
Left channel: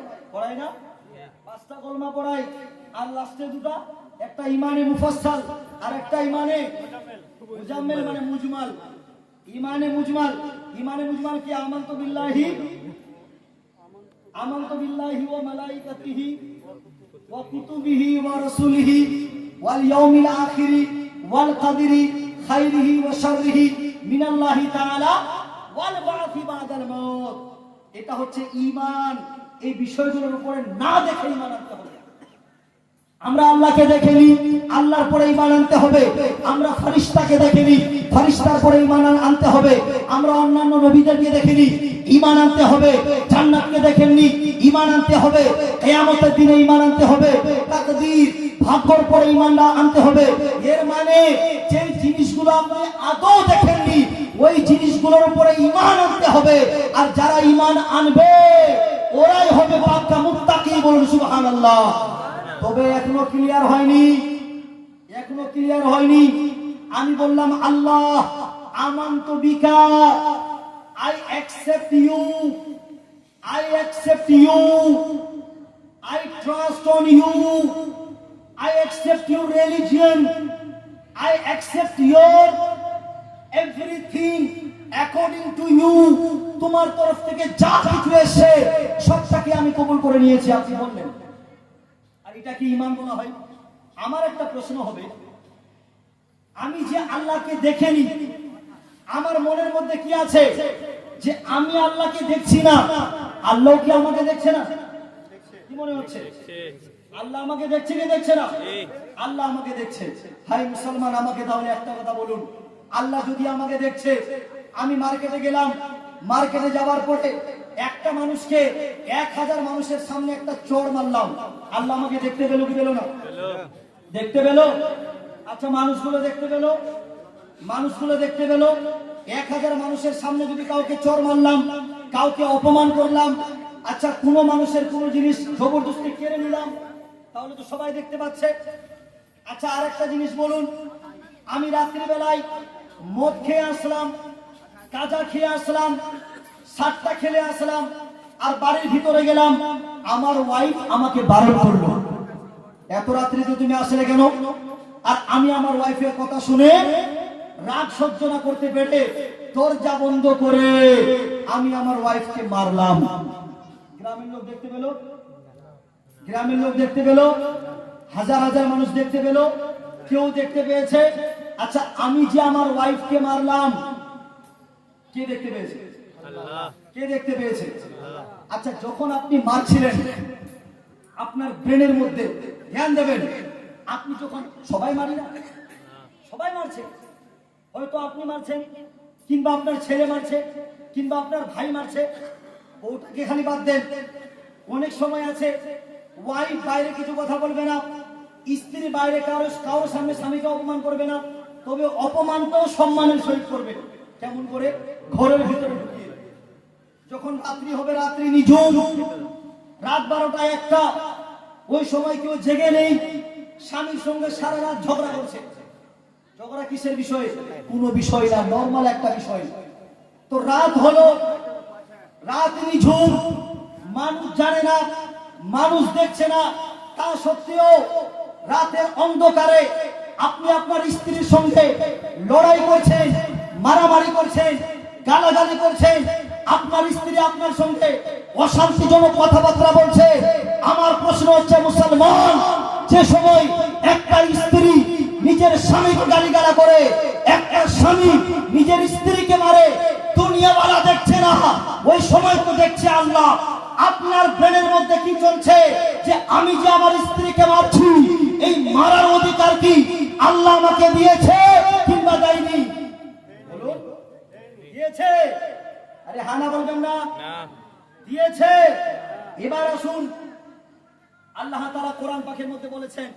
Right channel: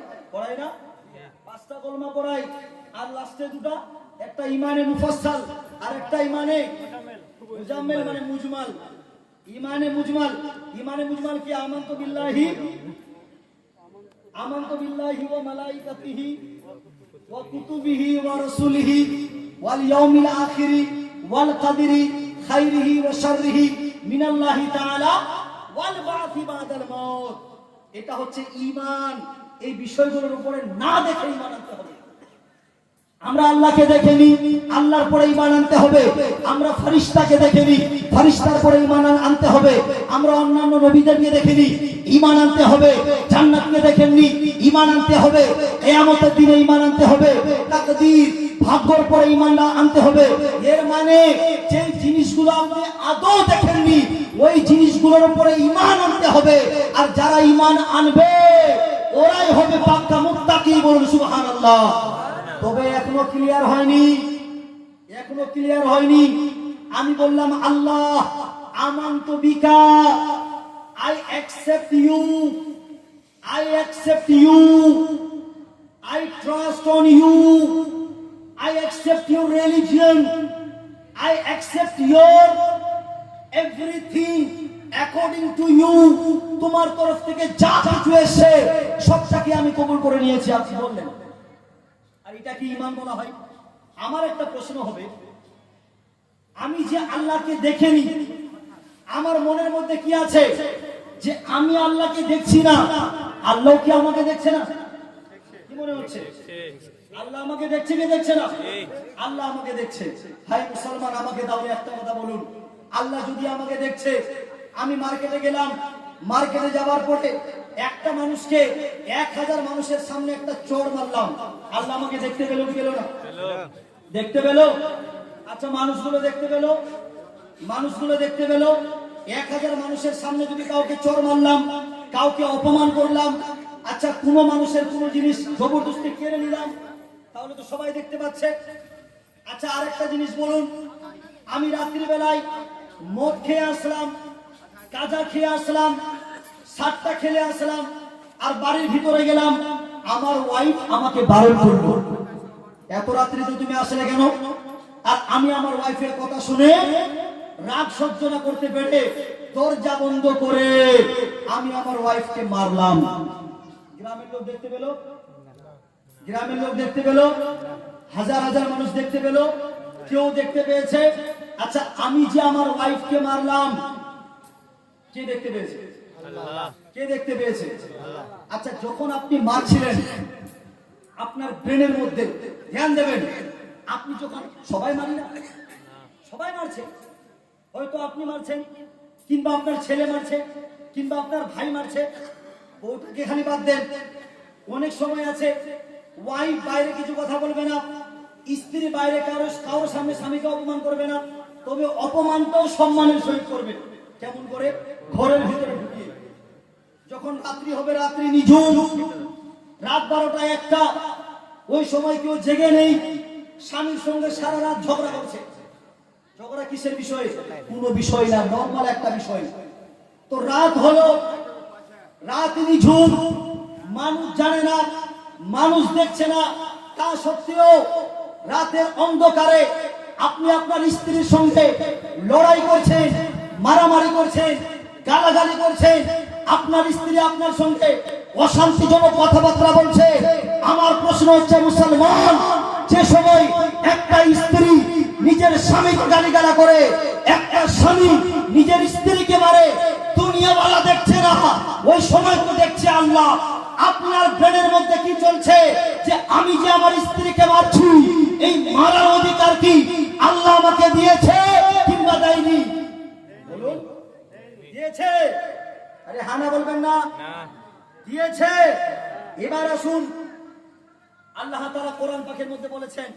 না? 5টা কলমা পড়াই আর লাস্টে 2টা, একটা ঈমানে মুফাসসাল আর একটা ঈমানে মুজাম্মেল মানে মুজমাল। ঈমানে মুজমাল কি আমানতু বিল্লাহি ওয়া মালাইকাতিহি ওয়া কুতুবিহি ওয়া রাসূলিহি ওয়াল ইয়াউমিল আখিরি ওয়াল কদরি খাইরিহি ওয়া শাররিহি মিনাল্লাহি তাআলা ওয়াল বা'থি বা'দাল মাউত। এটা হচ্ছে ঈমান। এই বিষয়গুলোর উপরে না দেখে ঈমান আনতে হবে। আমরা আল্লাহকে দেখেনি, আল্লাহর পরে ঈমান আনতে হবে। আমরা ফেরেশতাকে দেখেনি, ফেরেশতার পরে ঈমান আনতে হবে। আমরা অন্যান্য নবীদেরকে দেখেনি, ঈমান আনতে হবে। জান্নাতকে দেখেননি, ঈমান আনতে হবে। কিয়ামতের দিনে ঈমান আনতে হবে। তাকদীর ভাগ্যের পরে ঈমান আনতে হবে। এর মানে যে জিনিসগুলো আপনি আদৌ দেখেননি ওই জিনিসগুলোর উপরে ঈমান আনতে হবে। আর যারা ঈমান আনবে ওরাই হবে পাক্কা মুত্তাকি। বলুন সুবহানাল্লাহ। তবে এখনো ক্লিয়ার হয়নি। আমি বললাম আল্লাহ আমানতু বিকা, I accept you, I trust on you, I accept your religion, I accept your everything according to you. তোমার তরফ থেকে যা কিছু এসে সবটাকে আমি কবুল করে নিয়েছি। আপনি বললেন, আর এটা কি ঈমান বলা হয়? আমার একটা প্রশ্ন হবে, আমি যে আল্লাহকে দেখেনি, আমার মনের মধ্যে কি আছে যে আমি আল্লাহকে দেখছি না, আল্লাহ কি আমাকে দেখছে না? কি মনে হচ্ছে? আল্লাহ আমাকে দেখছে কি দেখছে না? আল্লাহ আমাকে দেখছে। ভাই মুসলমান, আমাকে তাহলে একটা কথা বলুন, আল্লাহ যদি আমাকে দেখছে, আমি মার্কেটে গেলাম, মার্কেটে যাওয়ার পরে একটা মানুষকে 1000 মানুষের সামনে একটা চোর মারলাম, আল্লাহ আমাকে দেখতে পেল কি পেল না? দেখতে পেল। আচ্ছা, মানুষগুলো দেখতে পেল। 1000 মানুষের সামনে যদি কাউকে চোর মারলাম, কাউকে অপমান করলাম, আচ্ছা কোনো মানুষের কোনো জিনিস জবরদস্তি কেড়ে নিলাম, তাহলে তো সবাই দেখতে পাচ্ছে। আচ্ছা আর একটা জিনিস বলুন, আমি রাত্রিবেলায় মদ খেয়ে আসলাম, গাঁজা খেয়ে আসলাম, সাতটা খেলে আসলাম, আর বাড়ির ভিতরে গেলাম, আমার ওয়াইফ আমাকে বারণ করলো, এত রাত্রিতে তুমি আসলে কেন? আর আমি আমার ওয়াইফের কথা শুনে রাগ সহ্য না করতে পেরে দরজা বন্ধ করে আমি আমার ওয়াইফকে মারলাম। গ্রামের লোক দেখতে পেল, গ্রামের লোক দেখতে পেল, হাজার হাজার মানুষ দেখতে পেল, কেউ দেখতে পেয়েছে? আচ্ছা আমি যে আমার ওয়াইফকে মারলাম, কে দেখতে পেয়েছে? আল্লাহ। কে দেখতে পেয়েছে? আল্লাহ। আচ্ছা যখন আপনি মারছিলেন, আপনার ব্রেনের মধ্যে ধ্যান দেবেন, আপনি যখন, সবাই মারি না, সবাই মারছে, হয়তো আপনি মারছেন, কিংবা আপনার ছেলে মারছে, কিংবা আপনার ভাই মারছে, ওটাকে খালি বাদ দেন। অনেক সময় আছে ওয়াইফ বাইরে কিছু কথা বলবে না, স্ত্রী বাইরে কারোর সামনে স্বামীকে অপমান করবে না, তবে অপমানটাও সম্মানের সহিত করবে। কেমন করে? ঘরের ভিতরে ঢুকিয়ে। যখন রাত্রি হবে, রাত্রি নিঝুম, রাত 12টা 1টা, ওই সময় কেউ জেগে নেই, স্বামীর সঙ্গে সারা রাত ঝগড়া করছে। ঝগড়া কিসের বিষয়ে? কোনো বিষয় না, নর্মাল একটা বিষয়। তো রাত হলো, রাত নিঝুম, মানুষ জানে না, মানুষ দেখছে না, তা সত্ত্বেও রাতের অন্ধকারে আপনি আপনার স্ত্রীর সঙ্গে লড়াই করছেন, মারামারি করছেন, গালাগালি করছেন, আপনার স্ত্রী আপনার সঙ্গে অশান্তিজনক কথাবার্তা বলছে। আমার প্রশ্ন হচ্ছে, মুসলমান, যে সময় একটা স্ত্রী নিজের স্বামীকে গালিগালা করে, একটা স্বামী নিজের স্ত্রীকে মারে, দুনিয়াওয়ালা দেখছে না, ওই সময় তো দেখছে আল্লাহ। আপনার ব্রেনের মধ্যে কি চলছে? যে আমি যে আমার স্ত্রীকে মারছি, এই মারার অধিকার কি আল্লাহ আমাকে দিয়েছে কিংবা দেয়নি? বলুন, দিয়েছে? আরে হানা বলবেন না, দিয়েছে। এবার আসুন, আল্লাহ তাআলা কোরআন পাকের মধ্যে বলেছেন,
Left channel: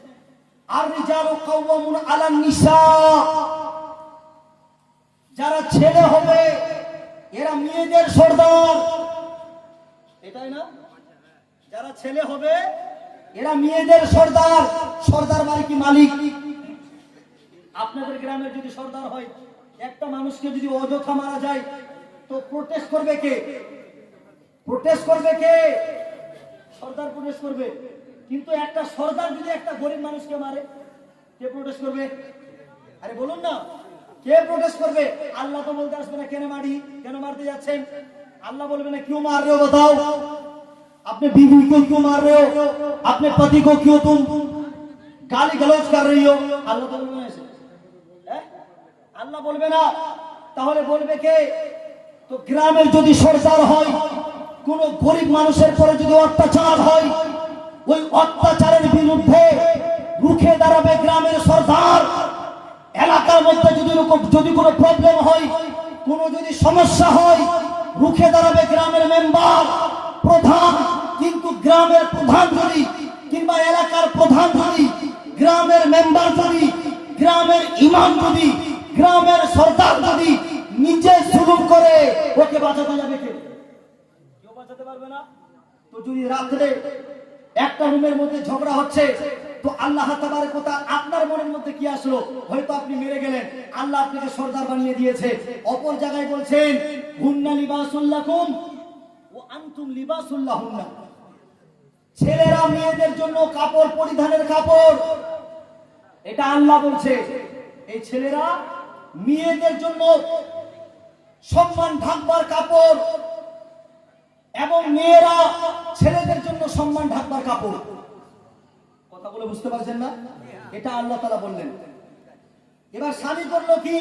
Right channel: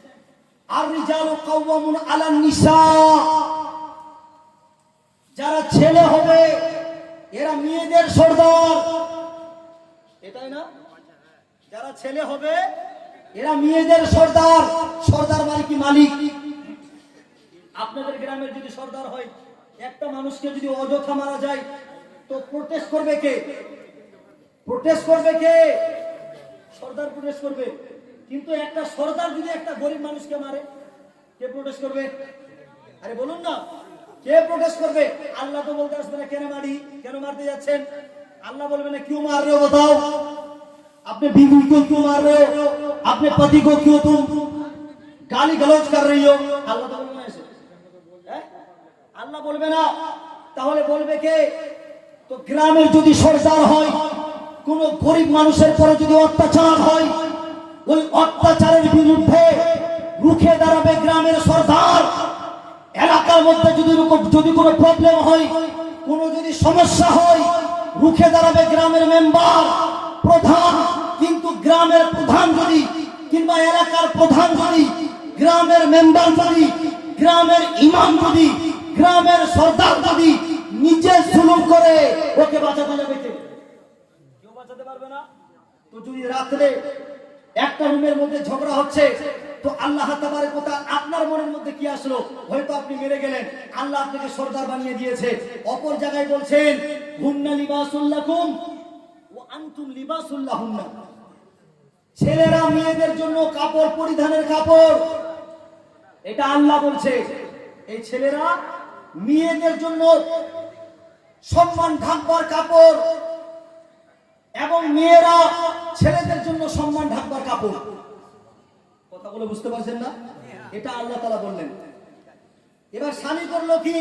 আর রিজালু কাওয়ামুন আলান নিসা, যারা ছেলে হবে এরা মেয়েদের সর্দার, এটাই না? যারা ছেলে হবে এরা মেয়েদের সর্দার। সর্দার মানে কি? মালিক। আপনাদের গ্রামের যদি সর্দার হয়, একটা মানুষকে যদি অযথা মারা যায়, তো প্রোটেস্ট করবে কে? প্রোটেস্ট করবে কে? সর্দার প্রোটেস্ট করবে। কিন্তু একটা সর্দার যদি একটা গরিব মানুষকে মারে, কে প্রোটেস্ট করবে? আরে বলুন না, কে প্রোটেস্ট করবে? আল্লাহ তো বলতে আসবে না কেন মারি, কেন মারতে যাচ্ছেন। আল্লাহ বলবে না क्यों मार रहे हो बताओ, अपने बीवी को क्यों मार रहे हो, अपने पति को क्यों तुम गाली गलौज कर रही हो। আল্লাহ তো বলবে না এসে, আল্লাহ বলবে না। তাহলে বলবে কে? তো গ্রামের যদি সরকার হয়, কোন গরিব মানুষের পরে যদি অত্যাচার হয়, ওই অত্যাচারের বিরুদ্ধে রুখে দাঁড়াবে গ্রামের সরকার। এলাকার মধ্যে যদি কোনো প্রবলেম হয়, কোনো যদি সমস্যা হয়, রুখে দাঁড়াবে গ্রামের মেম্বার, প্রধান। কিন্তু গ্রামের প্রধান যদি, কিংবা এলাকার প্রধান যদি, গ্রামের মেম্বার যদি, গ্রামের ইমাম যদি, গ্রামের সরদার যদি নিজে জুলুম করে, ওকে বাঁচাতে যাবে কে? কেউ বাঁচাতে পারবে না। তো যদি রাত্রে একটা রুমের মধ্যে ঝগড়া হচ্ছে, তো আল্লাহ তাবারক ওয়া তাআলা আপনার মনের মধ্যে কি আসলো? হয়তো আপনি মেরে গেলেন, আল্লাহ আপনাকে সর্দার বানিয়ে দিয়েছে। অপর জায়গায় বলছেন, হুন্না লিবাসুল লাকুম ওয়া আনতুম লিবাসুল লাহুন্না, ছেলেরা মেয়েদের জন্য কাপড়, পরিধানের কাপড়, এটা আল্লাহ বলছে। এই ছেলেরা মেয়েদের জন্য সম্মান ঢাকবার কাপড়, এবং মেয়েরা ছেলেদের জন্য সম্মান ঢাকবার কাপড়। কথাগুলো বুঝতে পারছেন না? এটা আল্লাহ তাআলা বললেন। এবার স্বামী করলো কি?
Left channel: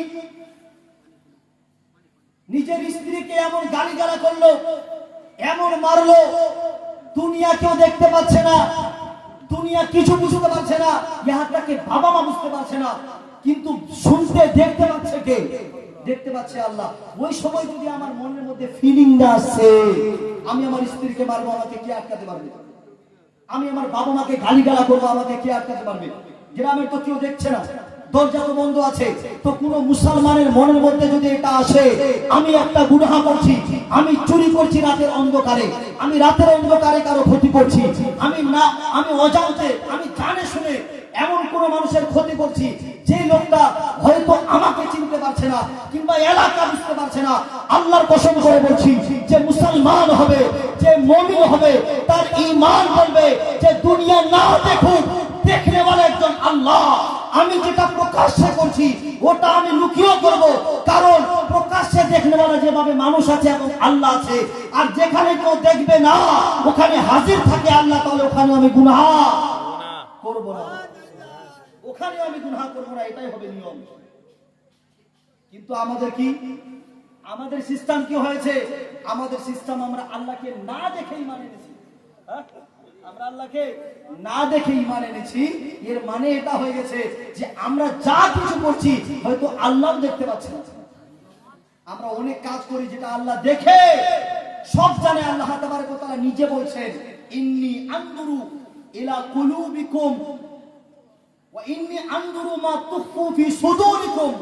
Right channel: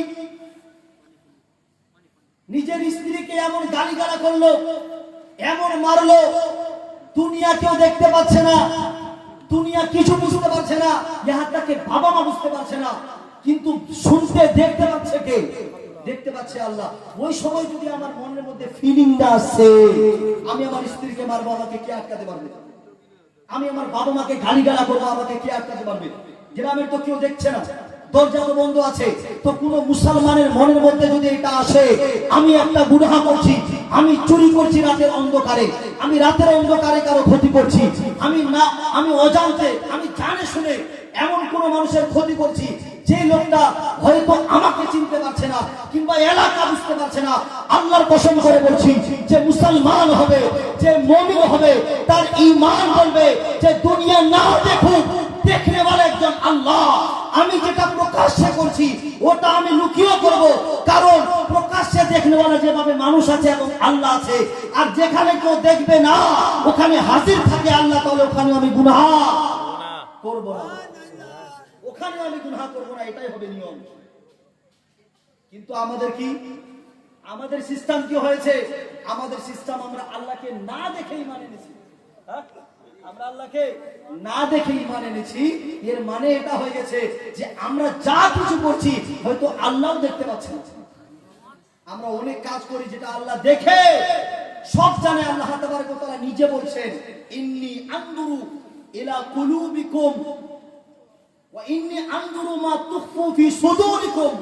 নিজের স্ত্রীকে এমন গালিগালা করলো, এমন মারলো, দুনিয়া কেউ দেখতে পাচ্ছে না, দুনিয়া কিছু বুঝতে পারছে না, ইহাটাকে বাবা মা বুঝতে পারছে না, কিন্তু শুনতে দেখতে পাচ্ছে কে? দেখতে পাচ্ছে আল্লাহ। ওই সময় যদি আমার মনের মধ্যে ফিলিংটা আসে, আমি আমার স্ত্রীকে মারবো, আমাকে কে আটকাতে পারবে? আমি আমার বাবা মাকে গালিগালা করবো, আমাকে কে আটকাতে পারবে? গ্রামের তো কেউ দেখছে না, দরজা তো বন্ধ আছে। তো কোন মুসলমানের মনের মধ্যে যদি এটা আসে, আমি একটা গুনাহ করছি, আমি চুরি করছি রাতের অন্ধকারে, আমি রাতের অন্ধকারে কারো ক্ষতি করছি, আমি অজান্তে, আমি জানে শুনে এমন কোন মানুষের ক্ষতি করছি, যে লোকটা হয়তো আমাকে চিনতে পারছে না কিংবা এলাকা বুঝতে পারছে না, আল্লাহর কসম করে বলছি, যে মুসলমান হবে, যে মুমিন হবে, তার ঈমান বলবে যে দুনিয়া না দেখুক, দেখনে वाला একজন আল্লাহ। আমি যেটা প্রকাশ্যে করছি ওটা আমি লুকিয়েও করব, কারণ প্রকাশ্যে দেখনে वाला যেভাবে মানুষ আছে এবং আল্লাহ আছে, আর যেখানে কেউ দেখবে না ওখানে হাজির থাকে আল্লাহ, তাহলে ওখানে আমি গুনাহ করব না, ওখানে আমি গুনাহ করব না, এটাই হবে নিয়ম। কিন্তু আমাদের কি, আমাদের সিস্টেম কি হয়েছে? আমাদের সিস্টেম আমরা আল্লাহকে না দেখেই মানে নিয়েছি। আমরা আল্লাহকে না দেখেই মানে এনেছি। এর মানে এটা হয়ে গেছে যে আমরা যা কিছু করছি হয়তো আল্লাহ দেখতে পাচ্ছেন না। আমরা অনেক কাজ করি যেটা আল্লাহ দেখে, সব জানে। আল্লাহ তাবারক ওয়া তাআলা নিজে বলছেন, ইন্নী আনজুরু ইলা কুলুবিকুম ওয়া ইন্নী আনজুরু মা তুখফু ফি সুদুরিকুম।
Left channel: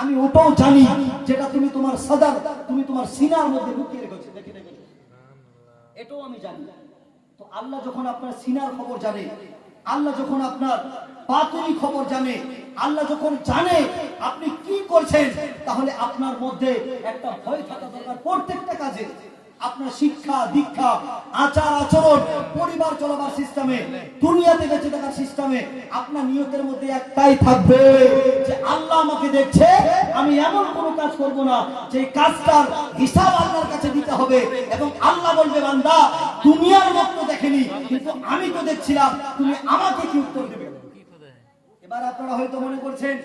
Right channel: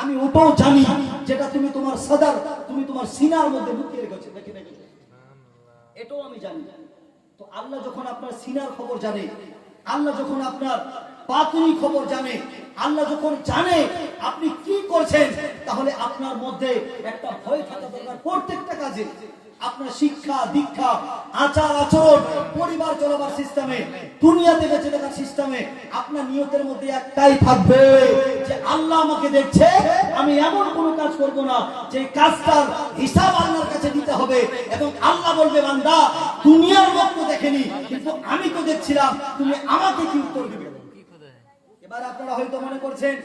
আমি ওটাও জানি যেটা তুমি তোমার সদর, তুমি তোমার সিনার মধ্যে লুকিয়ে রেখেছো, দেখে রেখেছো, এটাও আমি জানি। তো আল্লাহ যখন আপনার সিনার খবর জানে, আল্লাহ যখন আপনার বাতিনি খবর জানে, আল্লাহ যখন জানে আপনি কি করছেন, তাহলে আপনার মধ্যে একটা ভয় থাকা দরকার প্রত্যেকটা কাজে। আপনার শিক্ষা দীক্ষা, আচার আচরণ, পরিবার চলাবার সিস্টেমে, দুনিয়াতে বেঁচে থাকার সিস্টেমে আপনার নিয়তের মধ্যে একটাই থাকবে যে আল্লাহ আমাকে দেখছে, আমি এমন কোনো কাজ করব না যে কাজটার হিসাব আল্লাহর কাছে দিতে হবে, এবং আল্লাহ বলবে, বান্দা দুনিয়ার লোক তো দেখেনি কিন্তু আমি তো দেখছিলাম, তুমি আমাকে কি উত্তর দেবে? এবার আপনারা হয়তো মনে করছেন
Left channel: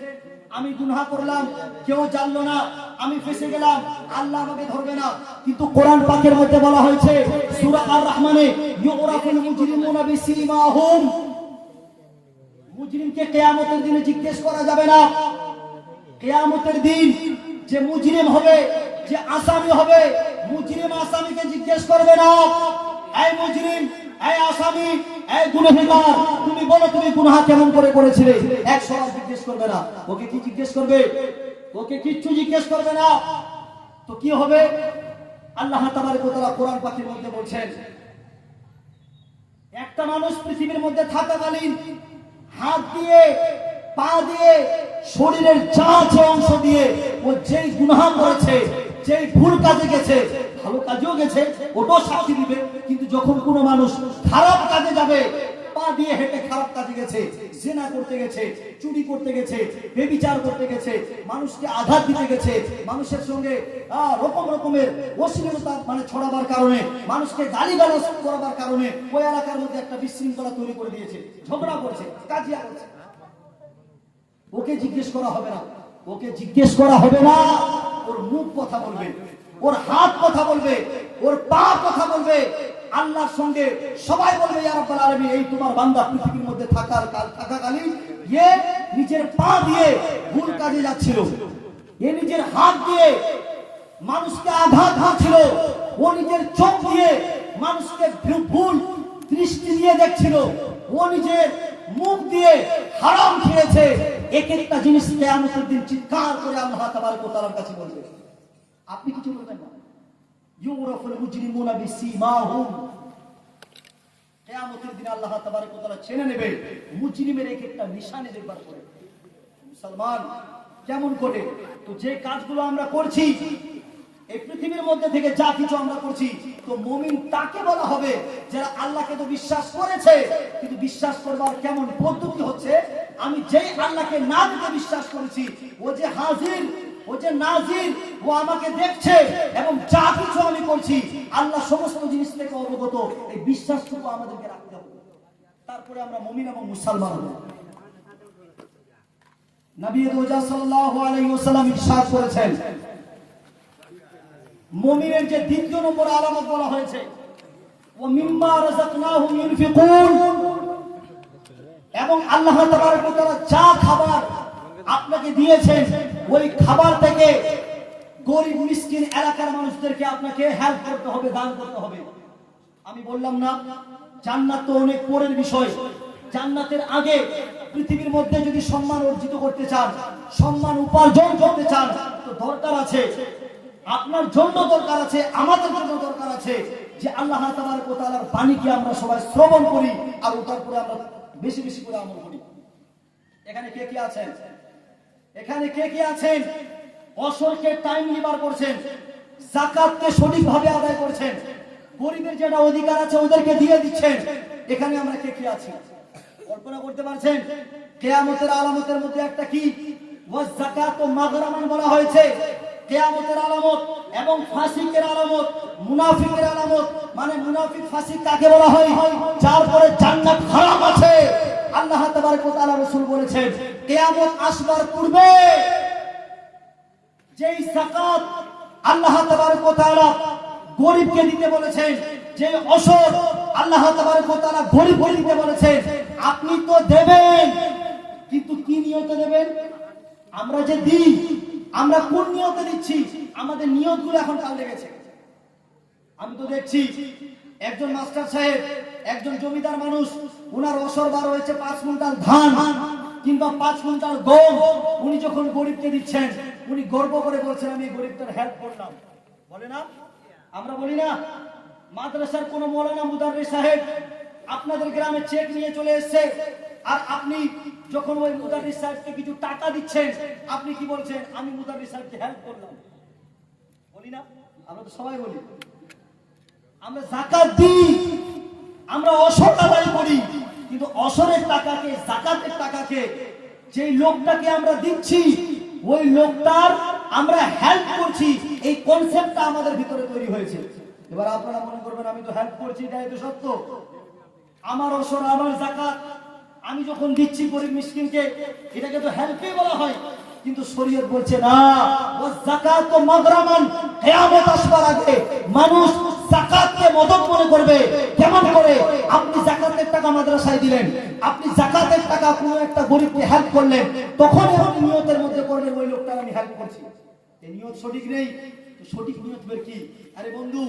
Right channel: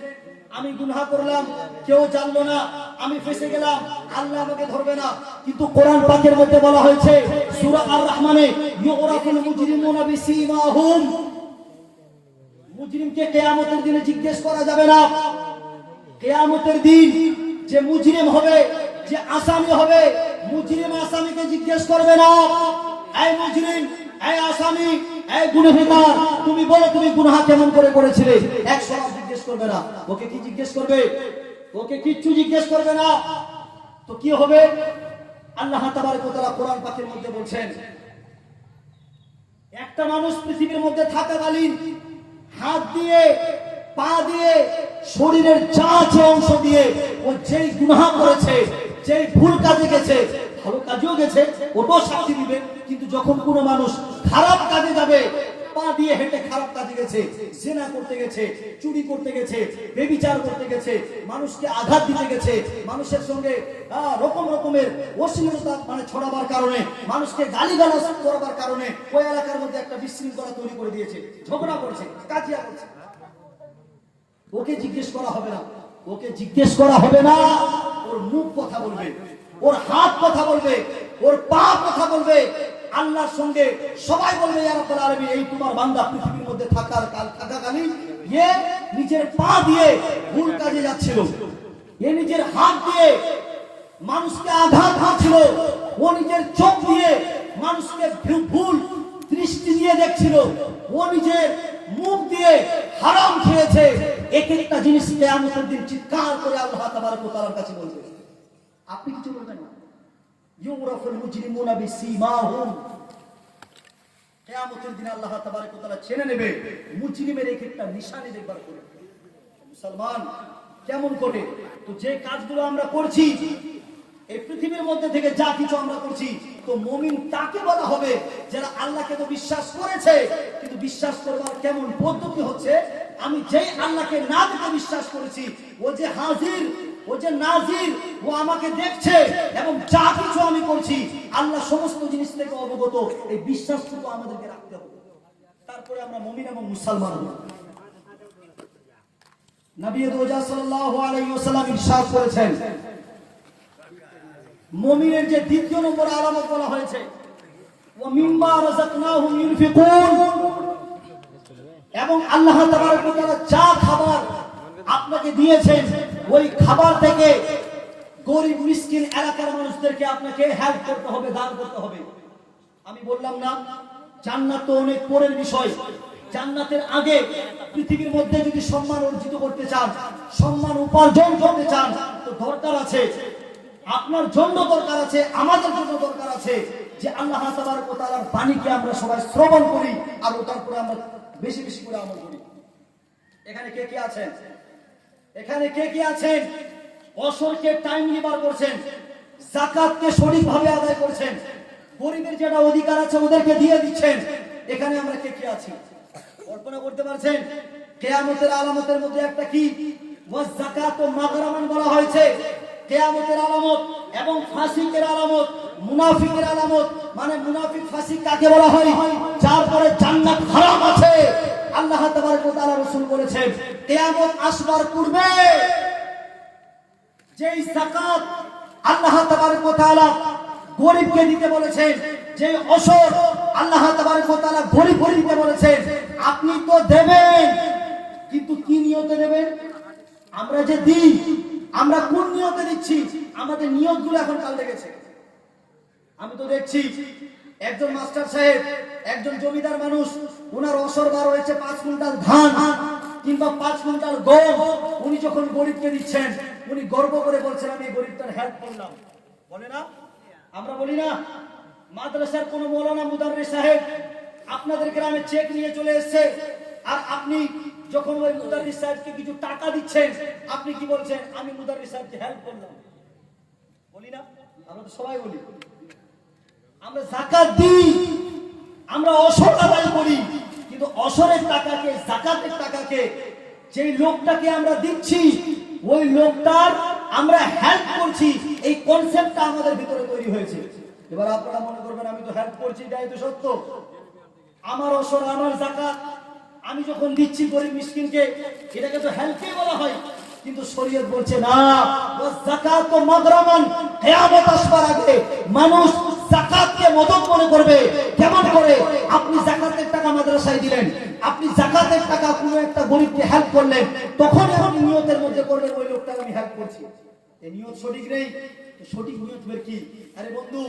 আমি গুনাহ করলাম, কেউ জানলো না, আমি ফেঁসে গেলাম, আল্লাহ আমাকে ধরবে না। কিন্তু কোরআন পাকের মধ্যে বলা হয়েছে সূরা আর রহমানে, ইউরাফুল মুজরিমুনা বিসীমাহুম, মুজরিমকে কিয়ামতের দিনে জিজ্ঞেস করা যাবে না। কিয়ামতের দিন যে মুজরিম হবে, যে আসামি হবে, মুজরিম আসামিকে জিজ্ঞেস করবে না, এই মুজরিম, এই আসামি, এই গুনাহগার, তুমি বলো তুমি গুনাহ কেমন করে করেছিলে। 100 বার জিজ্ঞেস করবে না। ওকে কি জিজ্ঞেস করবে? ওকে কিচ্ছু জিজ্ঞেস করবে না। তো কি হবে? আল্লাহ তাবারক ওয়া তাআলা কোরআন পাকের মধ্যে বলছেন, একটা মানুষ পৃথিবীর মধ্যে থাকাকালীন হাত দিয়ে, পা দিয়ে, শরীরের যা আছে অংশ দিয়ে ও যেই গুনাহ করেছে, যেই ভুল কাজে গেছে, ভালো কাজেও গেছে, ওটাও সাক্ষী দিবে। কিন্তু যখন কোনো মানুষ খারাপ কাজে যাবে, পা দিয়ে হেঁটে খারাপ কাজে গেছে, জিনা করতে গেছে, চুরি করতে গেছে, ব্যভিচার করতে গেছে, মানুষকে আঘাত দিতে গেছে, মানুষের সঙ্গে রকম রকমের অশ্লীলতা মানে ছড়াবার কারণে, মানুষকে গালিগালাজ করবার কারণে ওই এলাকার মধ্যে একটা বিশৃঙ্খলা তৈরি করে দিয়েছে, ঝগড়া করছে, কাজিয়া করছে, ওকে জিজ্ঞেস করা হবে না। ওকে জিজ্ঞেস করা হবে না, ওর মুখ কথা বলবে, ওর হাত কথা বলবে, ওর পা কথা বলবে। আল্লাহর সঙ্গে সবাই বলবে, ইয়া রাব্বুল আলামিন, এই তোমার বান্দা পৃথিবীর মধ্যে থাকাকালীন এ নিজের পা দিয়ে ভুল কাজে যাচ্ছিল, এ নিজের হাত দিয়ে মানুষকে আঘাত হানছিল, ও নিজের চোখ দিয়ে মানুষকে ভুল দৃষ্টি দিয়ে দেখছিল, ও নিজের মুখ দিয়ে হারাম খেয়েছে। এক একটা জিনিস কিয়ামতের দিন চিৎকার করে আল্লাহ তাবারক ওয়া তাআলার কাছে বলবে। আপনি কিছু বলবেন না। ইউরাফুল মুজরিমুনা বিসীমাহুম, কিয়ামতের দিন আল্লাহ তাবারক ওয়া তাআলা চেনে নেবে মুজরিমের এক একটা নিশানি দেখবার করে। মুসলমান কেমন করে? তো যে কাজগুলো আমরা করছি এই পৃথিবীর মধ্যে থেকে, যা কিছু আমরা করছি, তো মুমিন তাকে বলা হবে যারা আল্লাহকে তো বিশ্বাস করেছে, কিন্তু বিশ্বাস করবার কেমন পদ্ধতি হচ্ছে, আমি যেই আল্লাহকে না দেখে বিশ্বাস করেছি, ও যে হাজির, ও যে নাজির, ও আমাকে দেখছে, এবং যা কিছু আমি করছি আল্লাহ সমস্ত জিনিস থেকে অবগত, এই বিশ্বাসটুকু আমাদেরকে রাখতে হবে। তারপরে আমরা মুমিন এবং মুসলমান হব। নবী রোজা সাল্লাল্লাহু আলাইহি ওয়াসাল্লাম ইরশাদ করেছেন, মুমিনের যে দ্বিতীয় নম্বর আলামত বলা হয়েছে, ওয়া মিম্মা রাযাকনাহুম ইউনফিকুন, এবং আল্লাহ তাবারক ওয়া তাআলা যা খাবার আপনাকে দিয়েছেন ওই খাবার থেকে গরিব মিসকিন এলাকার মানুষদেরকে আপনাকে হেল্প করতে হবে, দান করতে হবে। আমি বললাম না জান্নাত তো অনেক পরের বিষয়, জান্নাতের আগে পৃথিবীর মধ্যে যদি সম্মান অর্জিত করতে চান, সম্মান উপার্জন করতে চান, তো দরকার আছে, আপনার জন্য দরকার আছে, আমাদের জন্য দরকার আছে যে আল্লাহ তাবারক ওয়া তাআলার বাণীকে আমরা সবাই শ্রবণ করি আর ওটার উপরে আমরা বেশি বেশি করে আমল করি। এখানে কে কে আছেন? এখানে কে কে আছেন অসরকে টাইম লিবার করছেন, যাকাতকে সঠিকভাবে আদায় করছেন, গরিবের যেটা অধিকার আছে ওদেরকে দিয়ে দিচ্ছেন? এখানে আমরা কে কে আছি কল্পনা করতে পারছেন? কিয়ামতের আলামতের মধ্যে একটা কি ওয়াজ যাকাত ও মাগরামান বলা হয়েছে। কিয়ামতের আলামত এবং ফাসিকের আলামত, মুনাফিকের আলামত, মানে মুনাফিক ফাসিক কাকে বলা হয়? যার পরে জান্নাত হারাম আছে। আল্লাহ তাবারক ওয়া তাআলা রাসূল বলেছেন কিয়ামত আসবার পূর্বে যেই যাকাত আল্লাহ তাবারক ওয়া তাআলা গরিবকে দিতে বলেছেন, যে অসর আল্লাহ তাবারক ওয়া তাআলা গরিবকে দিতে বলেছেন, আপনি তো দেবেন, কিন্তু কি নিয়তে দেবেন? আমরা যে দিই, আমরা কোন নিয়তে দিচ্ছি? আমাদের নিয়তগুলো এখন পাল্টে গেছে। আমি তো দেখছি একজন মাস্টার সাহেব, একজন জমিদার মানুষ, উনার অসর বার হয়েছে 5 কুইন্টাল ধান কিংবা 5 কুইন্টাল গম, উনি যখন গরিবকে দিচ্ছেন উনি গর্ব করে বলছেন আমি গরিবটার হেল্প করলাম। বলে না? আমরা বলি না? মাদ্রাসার কোন মৌলানা মুদাররিস সাহেব আপনাদের গ্রামে চেক নিয়ে চলে এসেছে, আর আপনি যখন ওই মুদাররিস সাহেবকে কিছু টাকা দিচ্ছেন, আপনি কি বলছেন? আমি মুদাররিস সাহেবকে হেল্প করলাম। বলি না? আমরা তো সবাই বলি। আমরা যাকাত দিই, আমরা অসর আদায় করি, কিন্তু অসরের টাকাকে, যাকাতের টাকাকে, যে লোকটাকে আমরা দিচ্ছি ওই লোকটার আমরা হেল্প করছি, এই কনসেপ্টটা আমাদের ভিতরে তৈরি হয়েছে। এবার আপনারা মনে করবেন আমি তো হেল্প করছি, এটাই তো সত্য। আমার অসর, আমার যাকাত আমি যখন দিচ্ছি গরিব মিসকিনকে, এটাকে তো হেল্পই বলা হয়। কিন্তু শরীয়ত বলছে না, ওয়াজ যাকাত ও মাগরামান, কিয়ামত আসবার আগে মানুষ যাকাতকে মদত মনে করবে। কেমন করে? আপনি যাকাতের টাকা মাদ্রাসায় দিলেন, আপনি যাকাতের টাকা কোনো একটা গরিবকে হেল্প করলেন, তখন আপনি নিয়তের মধ্যে করবেন ওই লোকটা আমি হেল্প করছি। এই নিয়ত সঠিক নেই। তো সঠিক নিয়ত বের কি? আরে বন্ধু,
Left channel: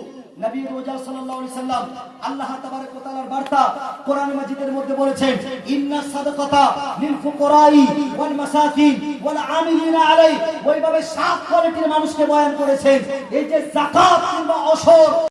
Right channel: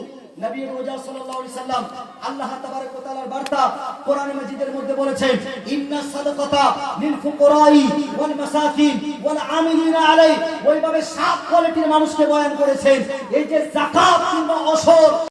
নবী রোজা সাল্লাল্লাহু আলাইহি সাল্লাম আল্লাহ তাবারক ওয়া তাআলার বার্তা কোরআন মাজিদের মধ্যে বলেছেন ইন্না সাদাকাতা লিল ফুকারাই ওয়াল মাসাকিন ওয়াল আমিলিনা আলাই। ওইভাবে 7 কোয়ালিটির মানুষকে বয়ান করেছেন। এই যে যাকাত কিংবা অসর